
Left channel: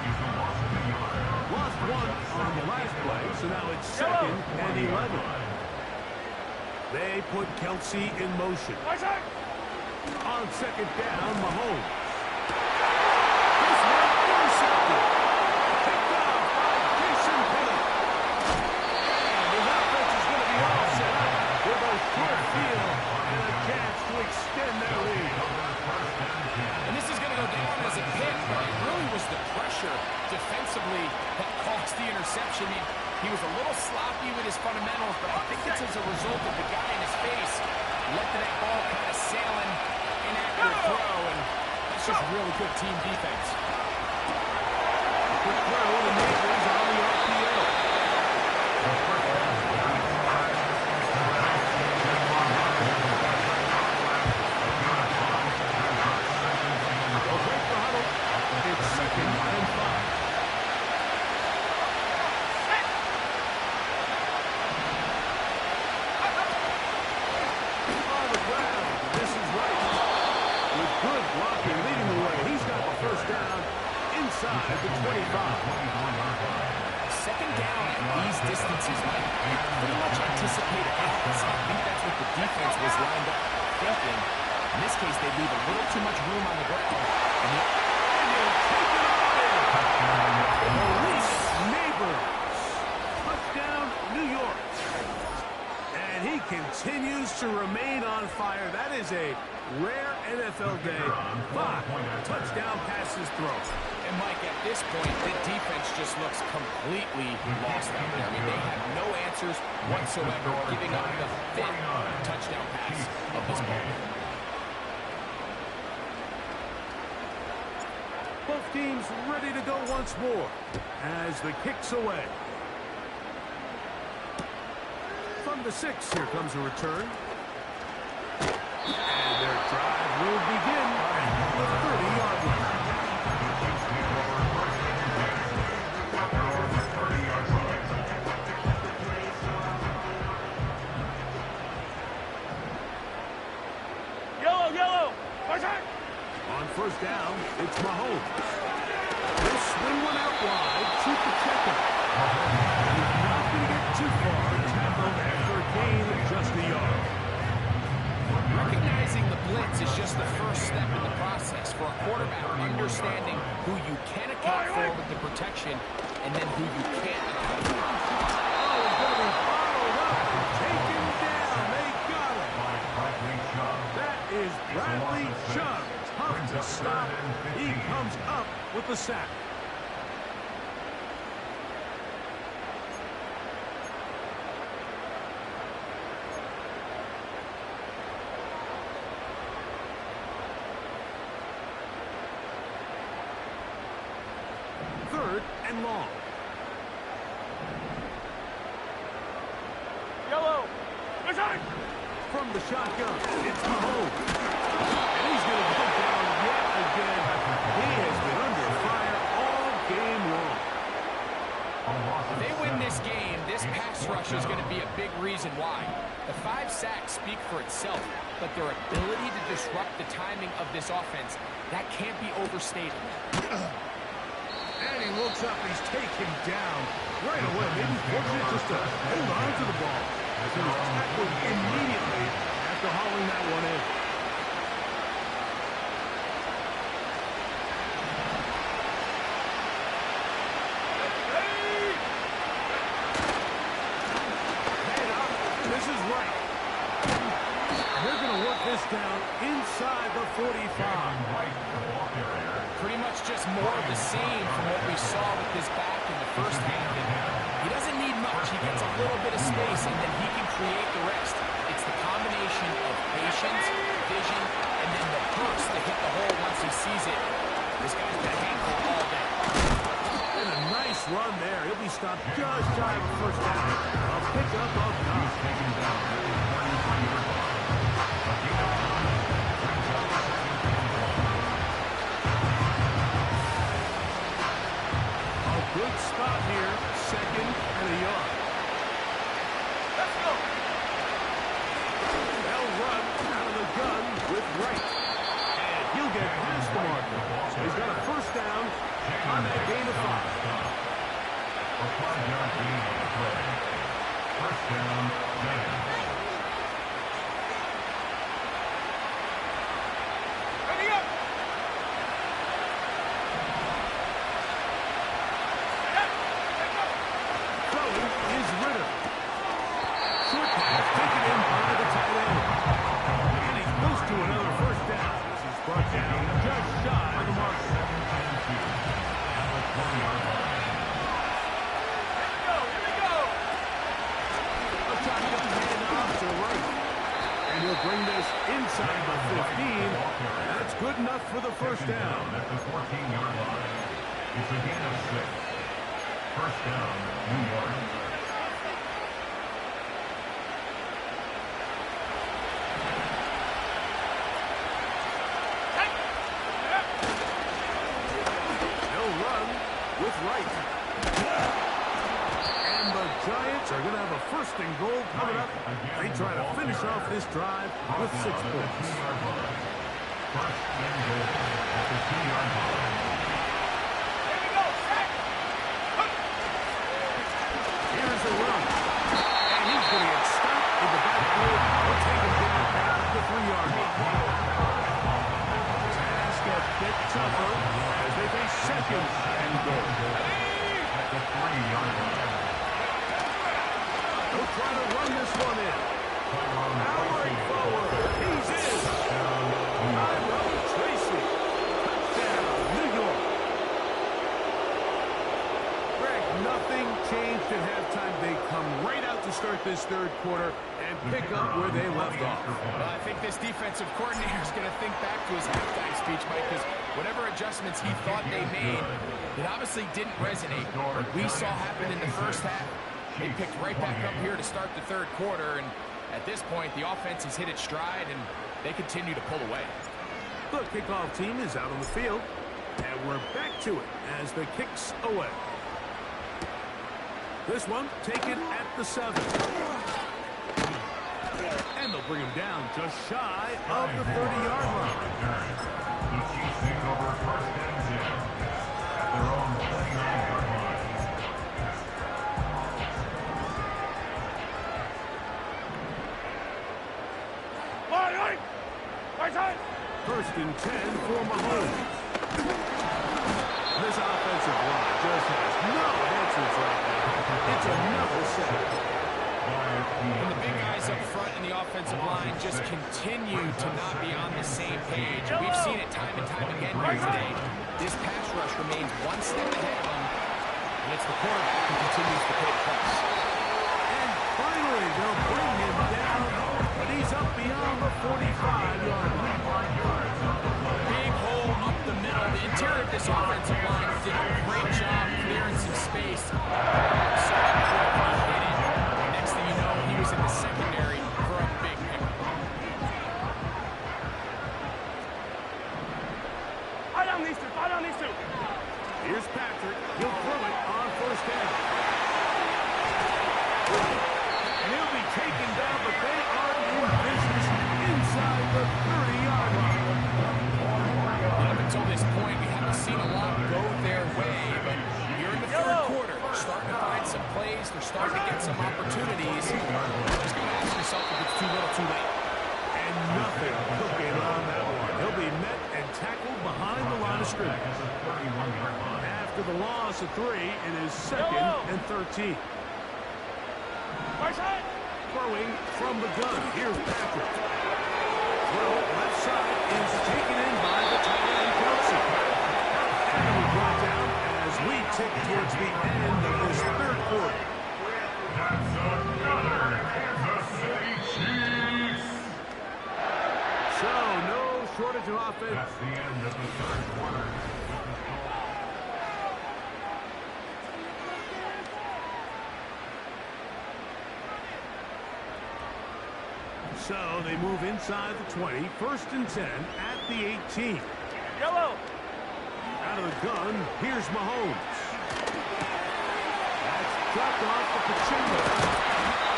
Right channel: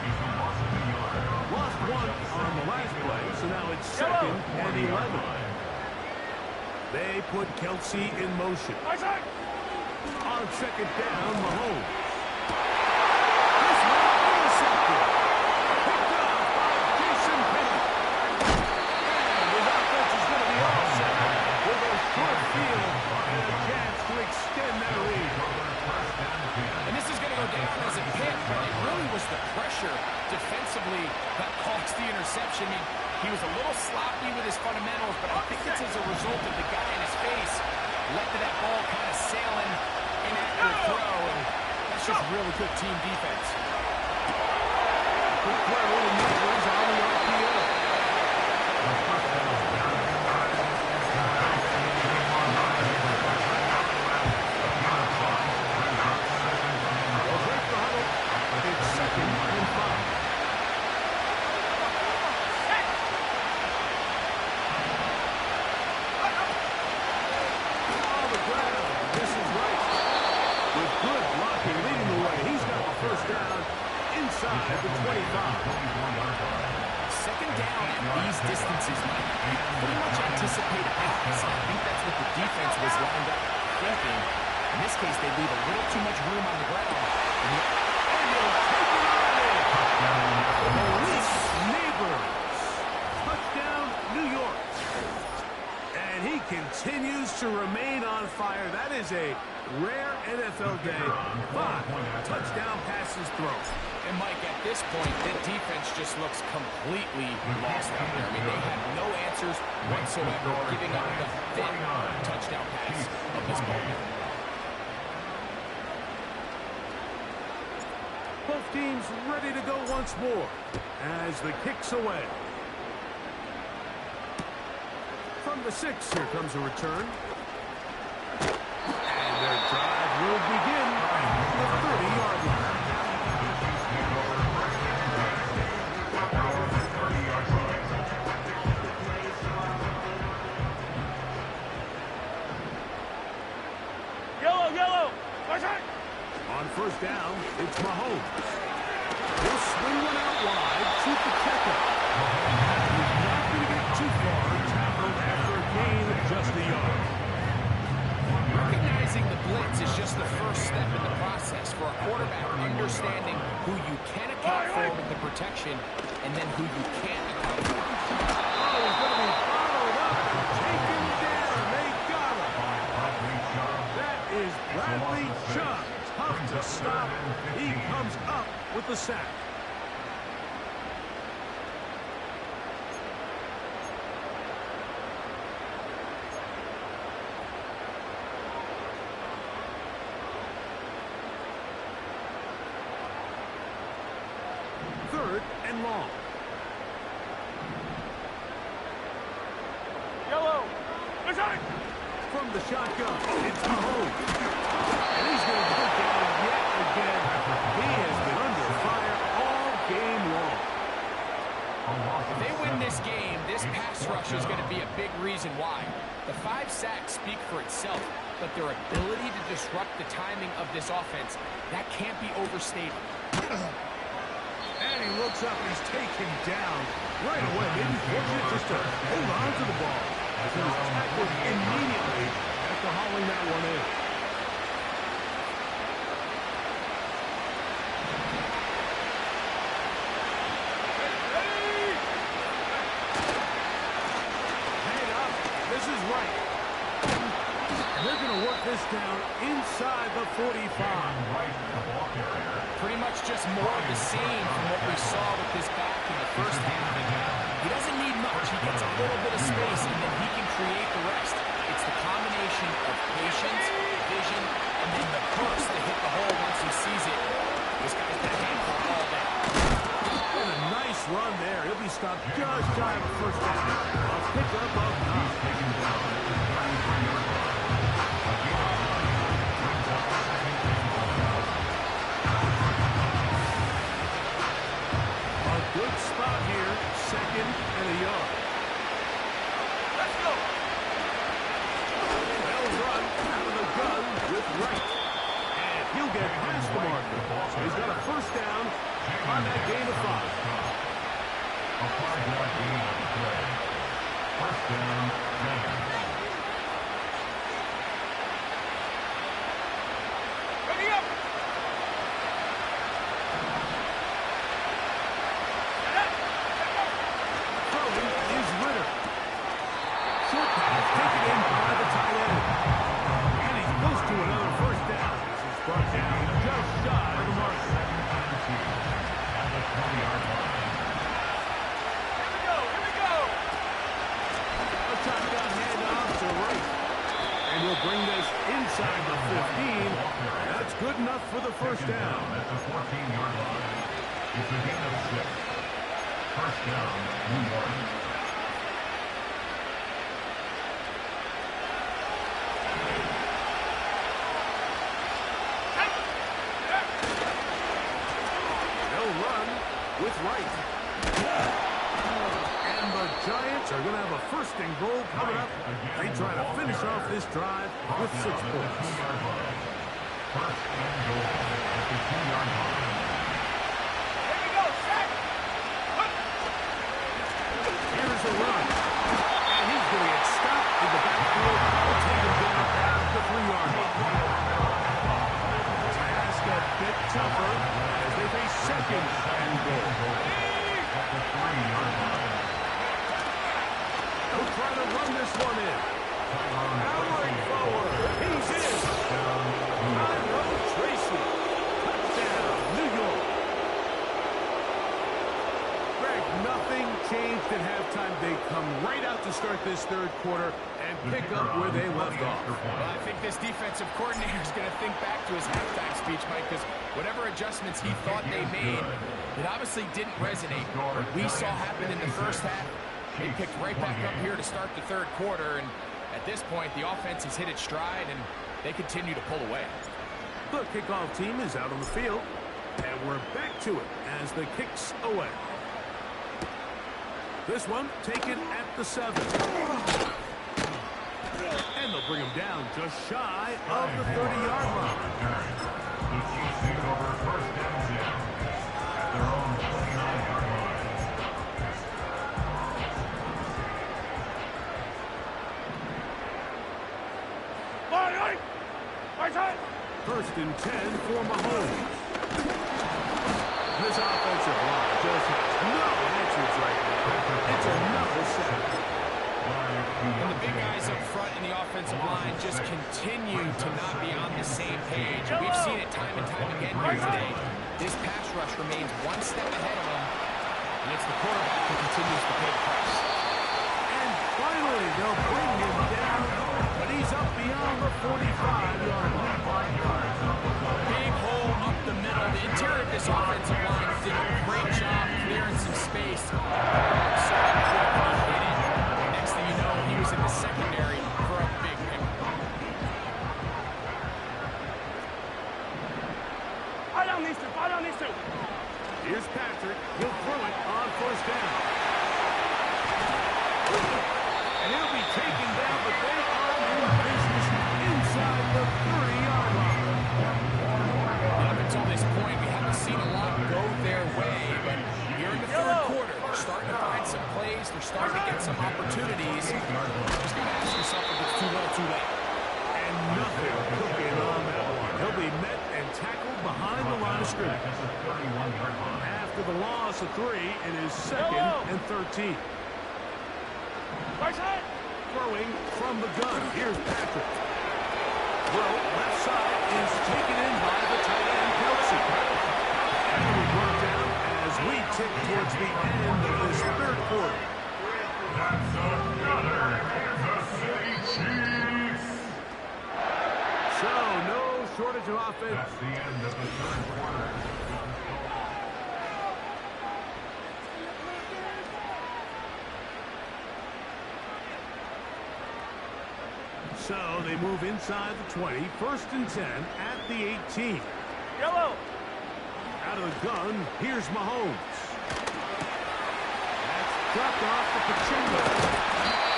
He's a loss of a yard. Lost one on the last play, so now it's second and 11. They put Kelsey in motion. On second down, Mahomes. This one intercepted. Picked off by Jason Pinnock. And his offense is going to be all set up with a short field and a chance to extend their lead. And this is going to go down as a pick, but it really was the pressure defensively that caused the interception. I mean, he was a little sloppy with his fundamentals, but I think it's as a result of the guy in his face led to that ball kind of sailing, inaccurate throw, and that's just really good team defense. Quick throw to Neighbors on the RPO. They'll break the huddle. It's second and 5. On the ground, this is right. With good blocking leading the way, he's got the first down inside the 25. Second down at these distances, Mike, you pretty much anticipate a pass. I think that's what the defense was lined up thinking. In this case, they leave a little too much room on the ground. And he'll take it on in. Maurice Neighbors. Touchdown, New York. And he continues to remain on fire. That is a rare NFL day. 5 touchdown passes thrown. And Mike, at this point, the defense just looks completely lost out there. I mean, they have no answers whatsoever, giving up the 5th touchdown pass of this ball. Both teams ready to go once more as the kick's away. From the 6, here comes a return. And their drive will begin at the 30-yard line. Yellow, yellow. On first down, it's Mahomes. He'll swing one out wide to Pacheco. He's not going to get too far. Tackled after a gain of just a yard. Recognizing the blitz is just the first step in the process for a quarterback, understanding who you can account for with the protection and then who you can't account for. Oh, he's going to be followed up and taken down. They got him. That is Bradley Chubb. Tough to stop. He comes up with the sack. Third and long. Yellow. From the shotgun, it's Mahomes. And he's going to go down yet again. He has been under fire all game long. If they win this game, this pass rush is going to be a big reason why. The 5 sacks speak for itself, but their ability to disrupt the timing of this offense, that can't be overstated. And he looks up and he's taken down right away. Maybe fortunate just to hold on to the ball as he was tackled immediately after hauling that one in. Head up. This is right. And they're going to work this down inside the 45. Pretty much just more of the same from what we saw with this back in the first half. And he doesn't need much. He gets a little bit of space, and then he can create the rest. It's the combination of patience, vision, and then the burst to hit the hole once he sees it. This guy's been a handful all day. And a nice run there. He'll be stopped just shy of the first down. A pickup of 9. Good spot here, second and a yard. Let's go. They'll run out of the gun with Wright. And he'll get past the marker. So he's got a first down on that gain of 5. A 5-yard gain on the play. First down, Giants. to another first down. This is brought down just shy of the marker. Second and 2 at the 20-yard line. Here we go. Here we go. A shotgun handoff to right. And he'll bring this inside the 15. That's good enough for the first down. At the 14-yard line. It's a gain of 6. First down, New York. They'll run with right. And the Giants are going to have a first and goal coming up. They try to finish off this drive with 6 points. First and goal at the 2-yard line. Here we go. Set. Here's a run. And he's going to get stopped in the backfield. We'll take him down at the 3-yard line. Task a bit tougher as they face second and goal. At the 3-yard line. They'll try to run this one in. Powering forward. He's in. Tyrone Tracy. Touchdown, New York. Greg, nothing changed at halftime. They come right out to start this third quarter and pick up where they left off. Well, I think this defensive coordinator is going to think back to his halftime speech, Mike, because whatever adjustments he thought they made, it obviously didn't resonate. What we saw happen in the first half, they picked right back up here to start the third quarter, and at this point, the offense has hit its stride, and they continue to pull away. The kickoff team is out on the field, and we're back to it as the kick's away. This one taken at the 7. And they'll bring him down just shy of the 30-yard line. The Chiefs take over first and 10 at their own 29-yard line. Right side. First and 10 for Mahomes. This offensive line just has no answers right now. It's another sack. And the big guys up front in the offensive line just continue to not be on the same page. We've seen it time and time again here today. This pass rush remains one step ahead of them, and it's the quarterback who continues to pay the price. And finally, they'll bring him down, but he's up beyond the 45-yard line. Big hole up the middle. The interior of this offensive line did a great job clearing some space. So he hit it. Next thing you know, he was in the secondary for a big pick. Eye down these two. Eye down these two. Here's Patrick. He'll throw it on first down. And he'll be taken down, but they are in business inside the 30-yard line. Up until this point, we haven't seen a lot go their way, but here in the third quarter, they're starting to find some plays. They're starting to get some opportunities. Just got to ask yourself if it's too little, too late. And nothing cooking on that one. He'll be met and tackled behind the line of scrimmage. After the loss of 3, it is second and 13. Right side. Throwing from the gun. Here's Patrick. Well, left side is taken in by the tight end, Kelsey. And we brought down as we tick towards the end of this third quarter. That's another Kansas City Chiefs. So, no shortage of offense. That's the end of the third quarter. So, they move inside the 20. First and 10 at the 18. Yellow. Out of the gun, here's Mahomes. That's dropped off to Pachinko.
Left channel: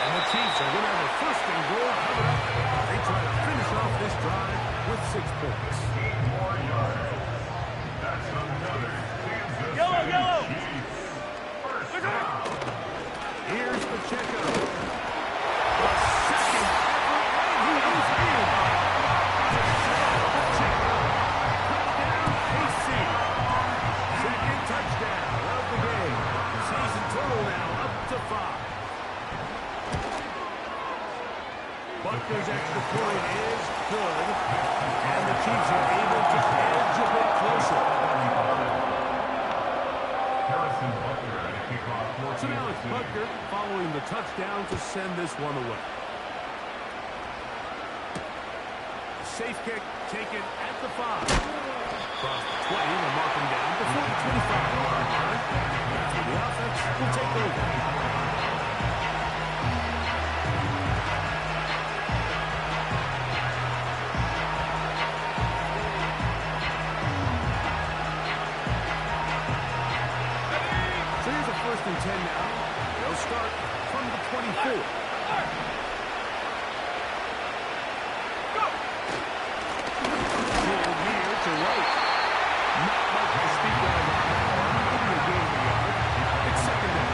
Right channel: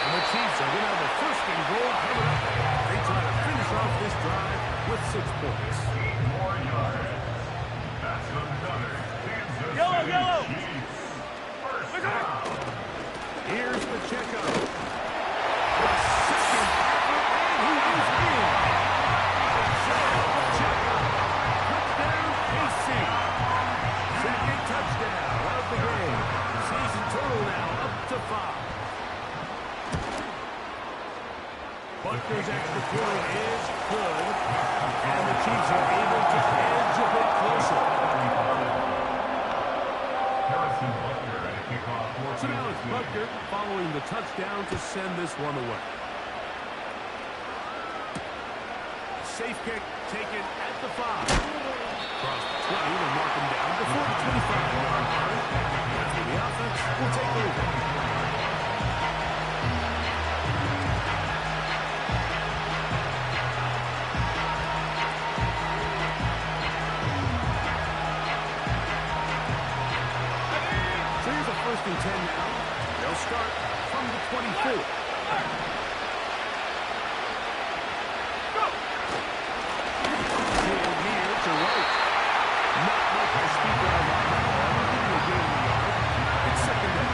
And the Chiefs are going to have a first and goal coming up. They try to finish off this drive with 6 points. 8 more yards. That's another Kansas City Yellow. Chiefs. First Look out. down. Here's Pacheco. The second effort, and he is in. Pacheco. Touchdown, KC. Second touchdown of the game. Season total now up to 5. Butker's extra point is good. And the Chiefs are able to edge a bit closer. So now it's Butker following the touchdown to send this one away. Safe kick taken at the 5. Across the 20, they'll mark him down before the 25-yard line. That's where the offense will take over. So here's a 1st and 10 now. They'll start from the 24. To right. Not much to speak of on that one. Give me a gain of a yard. It's 2nd down.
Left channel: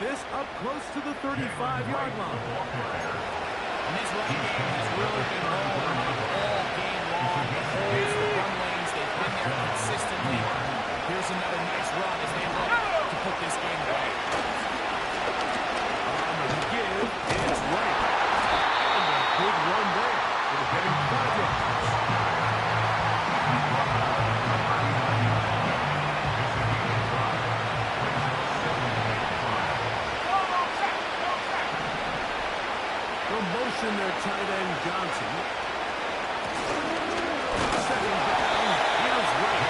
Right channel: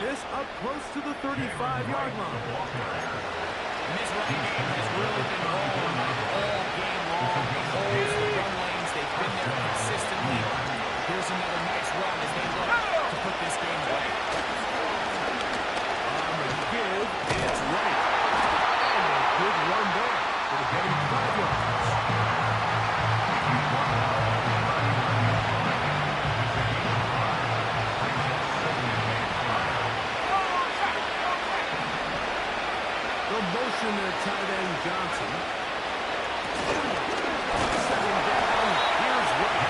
This up close to the 35-yard line. And this running game has really been rolling like all game long. The holes, the run lanes, they've been there consistently. Here's another nice run as they look to put this game away. On the give, it's right. And a good run there. It'll get him 5 yards. Motion their tight end Johnson. Setting down. Here's Wright.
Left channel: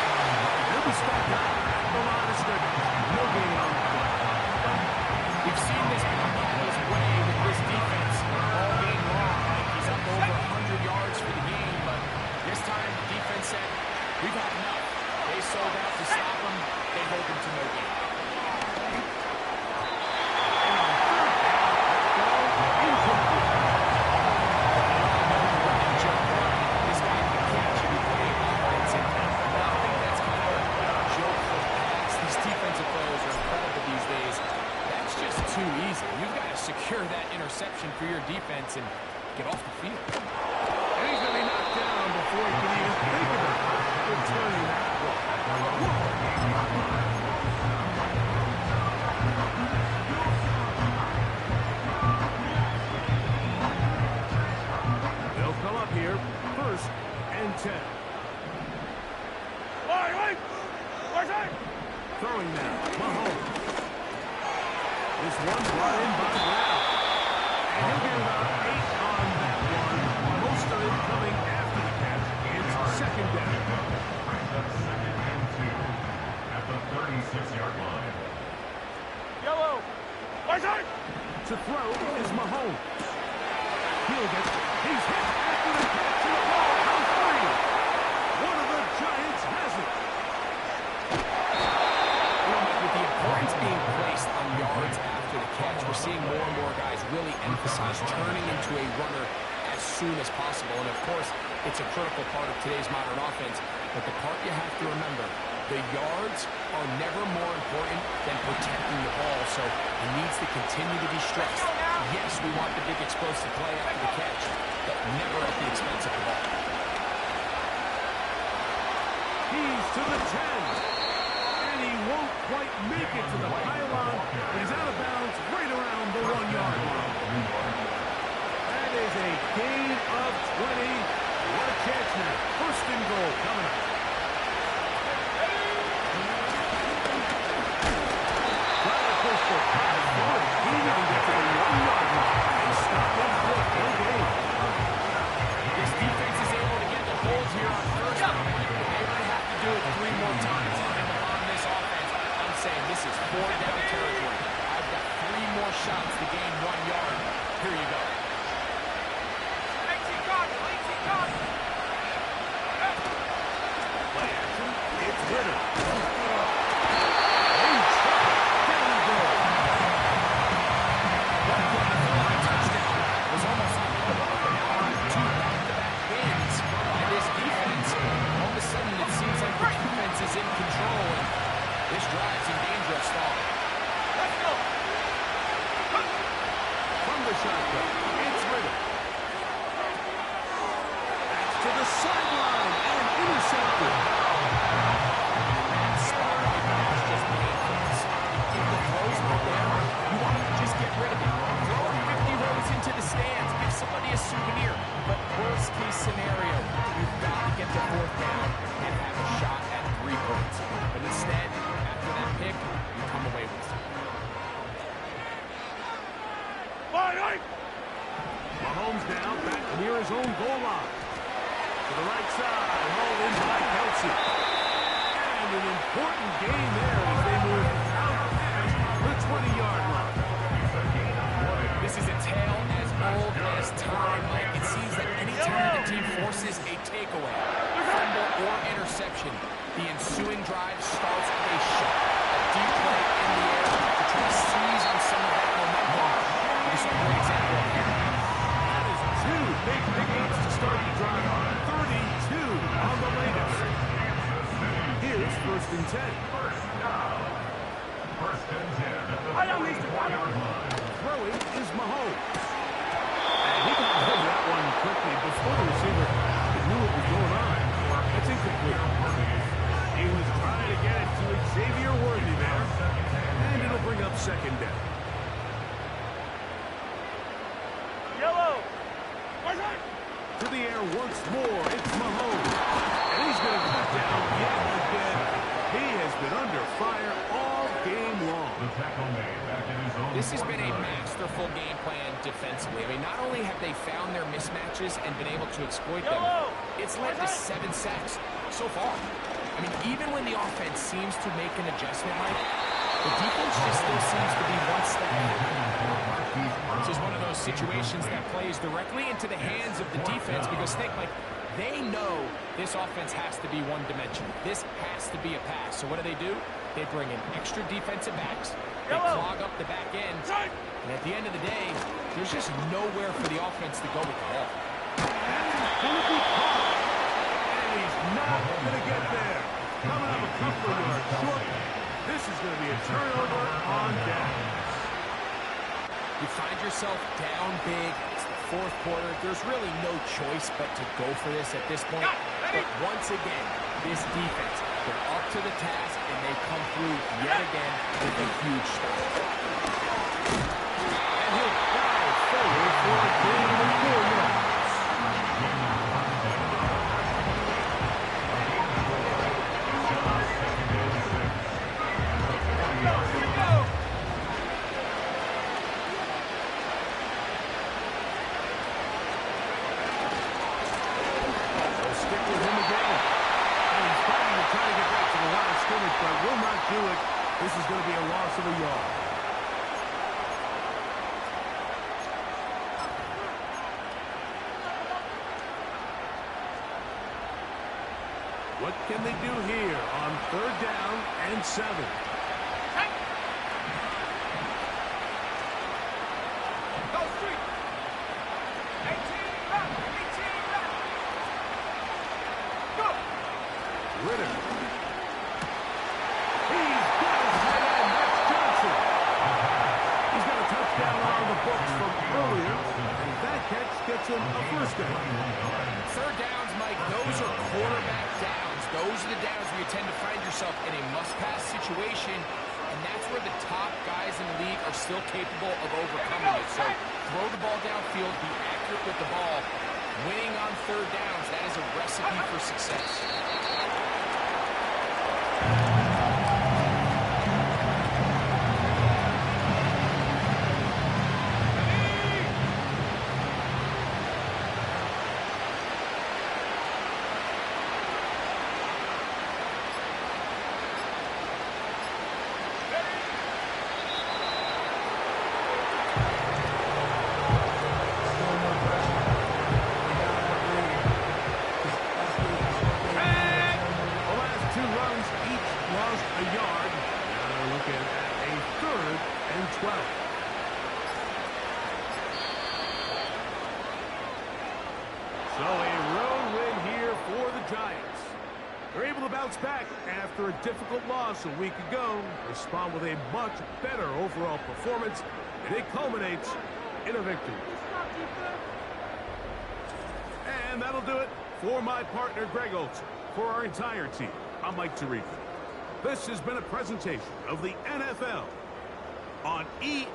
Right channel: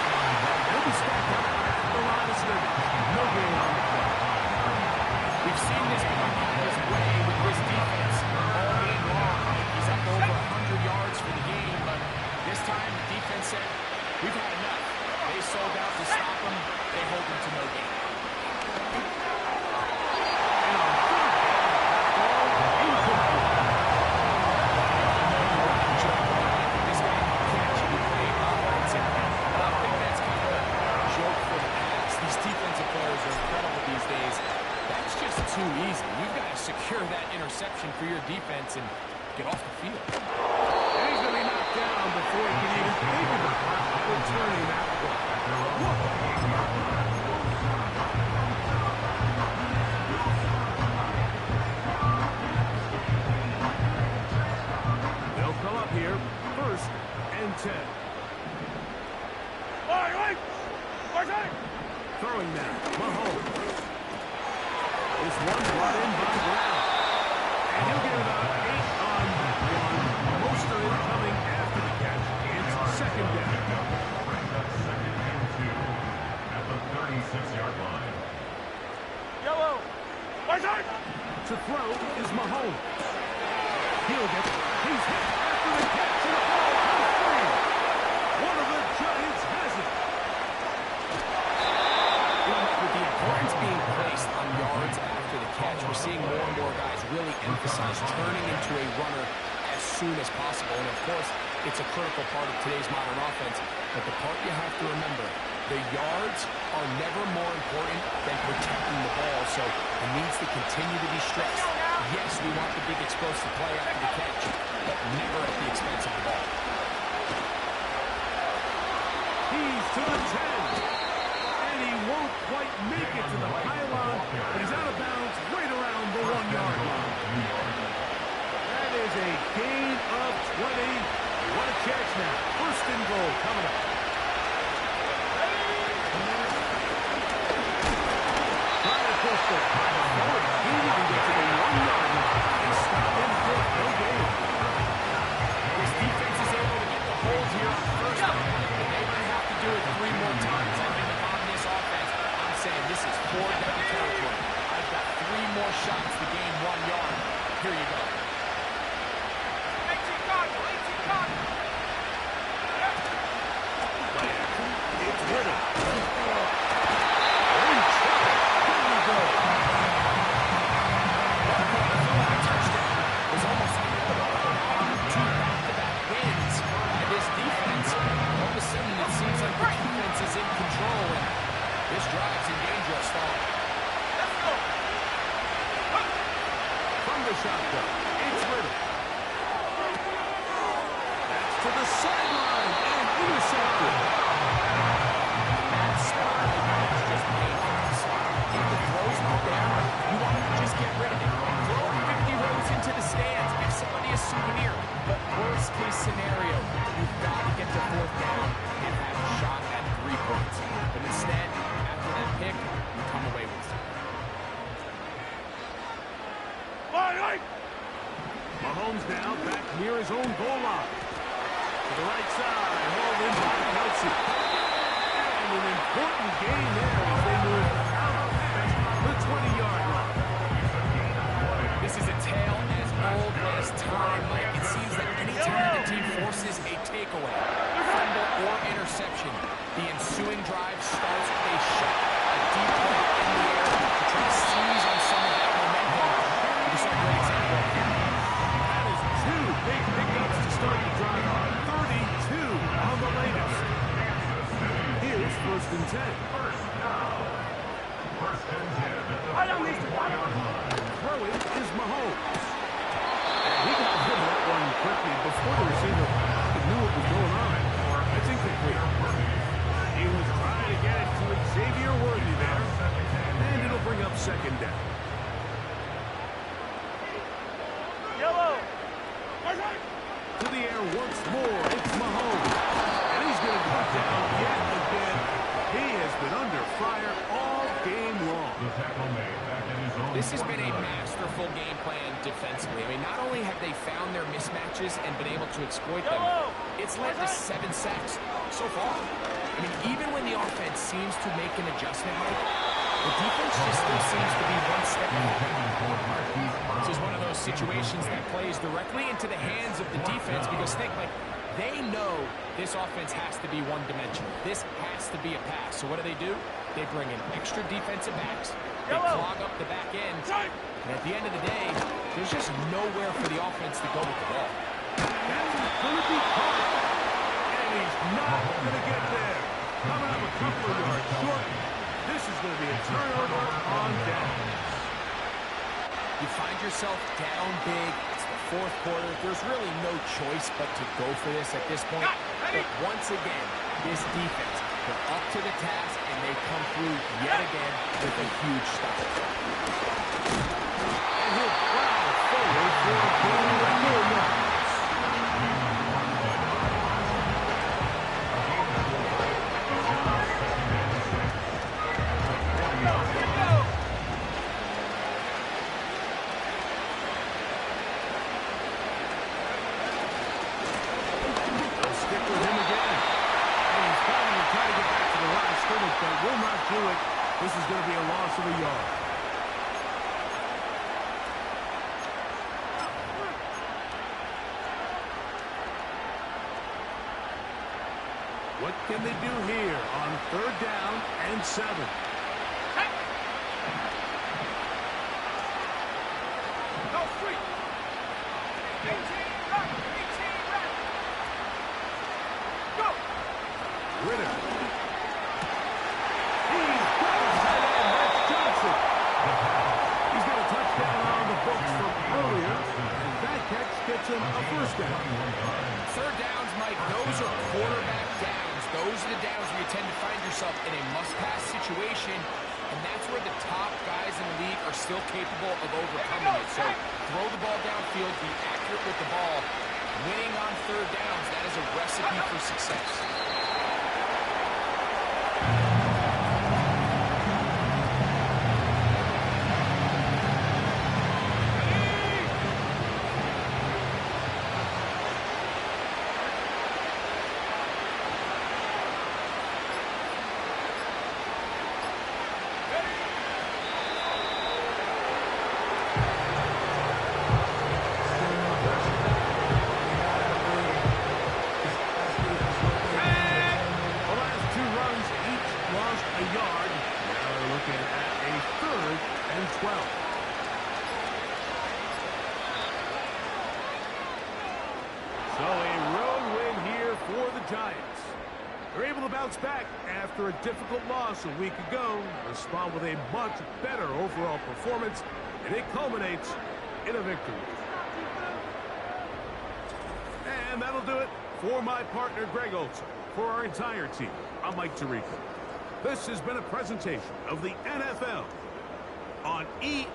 He'll be stacked up at the line of scrimmage. No gain on the play. We've seen this become his way with this defense all game long. He's up over 100 yards for the game, but this time the defense said, we've had enough. They sold out to stop him. They hold him to no gain. And on 3rd down, that ball incomplete. Defensive players are incredible these days. That's just too easy. You've got to secure that interception for your defense and get off the field. And he's going to be knocked down before he can even think about returning that ball. They'll come up here, 1st and 10. Throwing now, Mahomes. This one brought in by Brown. And he'll get about 8 on that one. Most of it coming after the catch. It's 2nd down. Brings up 2nd and 2 at the 36-yard line. Yellow. To throw is Mahomes. He's hit after the catch, and the ball comes free. One of the Giants has it. With the importance being placed on yards after the catch, we're seeing more and more guys really emphasize turning into a runner as soon as possible. And, of course, it's a critical part of today's modern offense. But the part you have to remember, the yards are never more important than protecting the ball. So it needs to continue to be stressed. Yes, we want the big explosive play after the catch, but never at the expense of the ball. He's to the 10. He won't quite make it to the pylon, but he's out of bounds right around the 1-yard line. That is a gain of 20. What a catch now. 1st and goal coming up. Trying to push the pass forward. He didn't even get to the 1-yard line. They stop him quick. No gain. This defense is able to get the hold here on 1st down, but they might have to do it 3 more times. Offense, I'm saying this is 4-down territory. I've got 3 more shots to gain 1 yard. Here you go. 18 Cardinal. Play action. It's Ritter. In trouble. Down he goes. One point, I feel like a touchdown was almost like now 2 back-to-back wins by this defense. All of a sudden, it seems like the defense is in control. roll, and this drive's in danger of stalling. Let's go. From the shotgun, it's Ritter. That's to the sideline and intercepted. That spot right there is just painful to see. If the throw's not there, you want to just get rid of it. Throw it 50 rows into the stands. Give somebody a souvenir. But worst case scenario, you've got to get to fourth down and have a shot at 3 points. But instead, after that pick, you come away with it. Mahomes now back near his own goal line. To the right side, hauled in by Kelsey. And an important gain there as they move out past the 20-yard line. This is a tale as old as time, Mike. It seems that any time the team forces a takeaway, fumble, or interception, the ensuing drive starts with a shot, a deep play in the air to try to seize on some of that momentum. We saw a great example of here. That is 2 big pickups to start the drive. 32 on the latest. Here's 1st and 10. First and 10. I don't need to. Throwing is Mahomes. And he got rid of that one quickly before the receiver knew what was going on. That's incomplete. He was trying to get it to Xavier Worthy there. And it'll bring up 2nd down. Yellow. To the air once more, it's Mahomes. And he's going to go down yet again. He has been under fire all game long. The tackle made back in his own. This has been a masterful game plan defensively. I mean, not only have they found their mismatches and been able to exploit them, it's led to 7 sacks so far. I mean, even when the offense seems to make an adjustment, Mike, the defense just still seems to be one step ahead. This is one of those situations that plays directly into the hands of the defense because think, like, they know this offense has to be one-dimensional. This has to be a pass. So what do? They bring in extra defensive backs. They clog up the back end. And at the end of the day, there's just nowhere for the offense to go with the ball. That's going to be caught. And he's not going to get there. Coming up a couple of yards short. This is going to be a turnover on downs. You find yourself down big. It's the 4th quarter. There's really no choice but to go for this at this point. But once again, this defense, they're up to the task, and they come through yet again with a huge stop. And he'll plow forward for a gain of 4 yards. But will not do it. This is going to be a loss of a yard. What can they do here on 3rd down and 7? Go street. 18 back. 18 back. Go. Ritter. He's got his tight end. That's Johnson. He's got a touchdown on the books from earlier, and that catch gets him a 1st down. 3rd downs, Mike, those are quarterback downs. Those are the downs where you tend to find yourself in a must-pass situation, and that's where the top guys in the league are still capable of overcoming it. So throw the ball downfield, be accurate with the ball. Winning on 3rd downs, that is a recipe for success. Lost a yard. Now they're looking at a 3rd and 12. So a road win here for the Giants. They're able to bounce back after a difficult loss a week ago, respond with a much better overall performance, and it culminates in a victory. And that'll do it for my partner, Greg Olson. For our entire team, I'm Mike Tirico. This has been a presentation of the NFL on EA.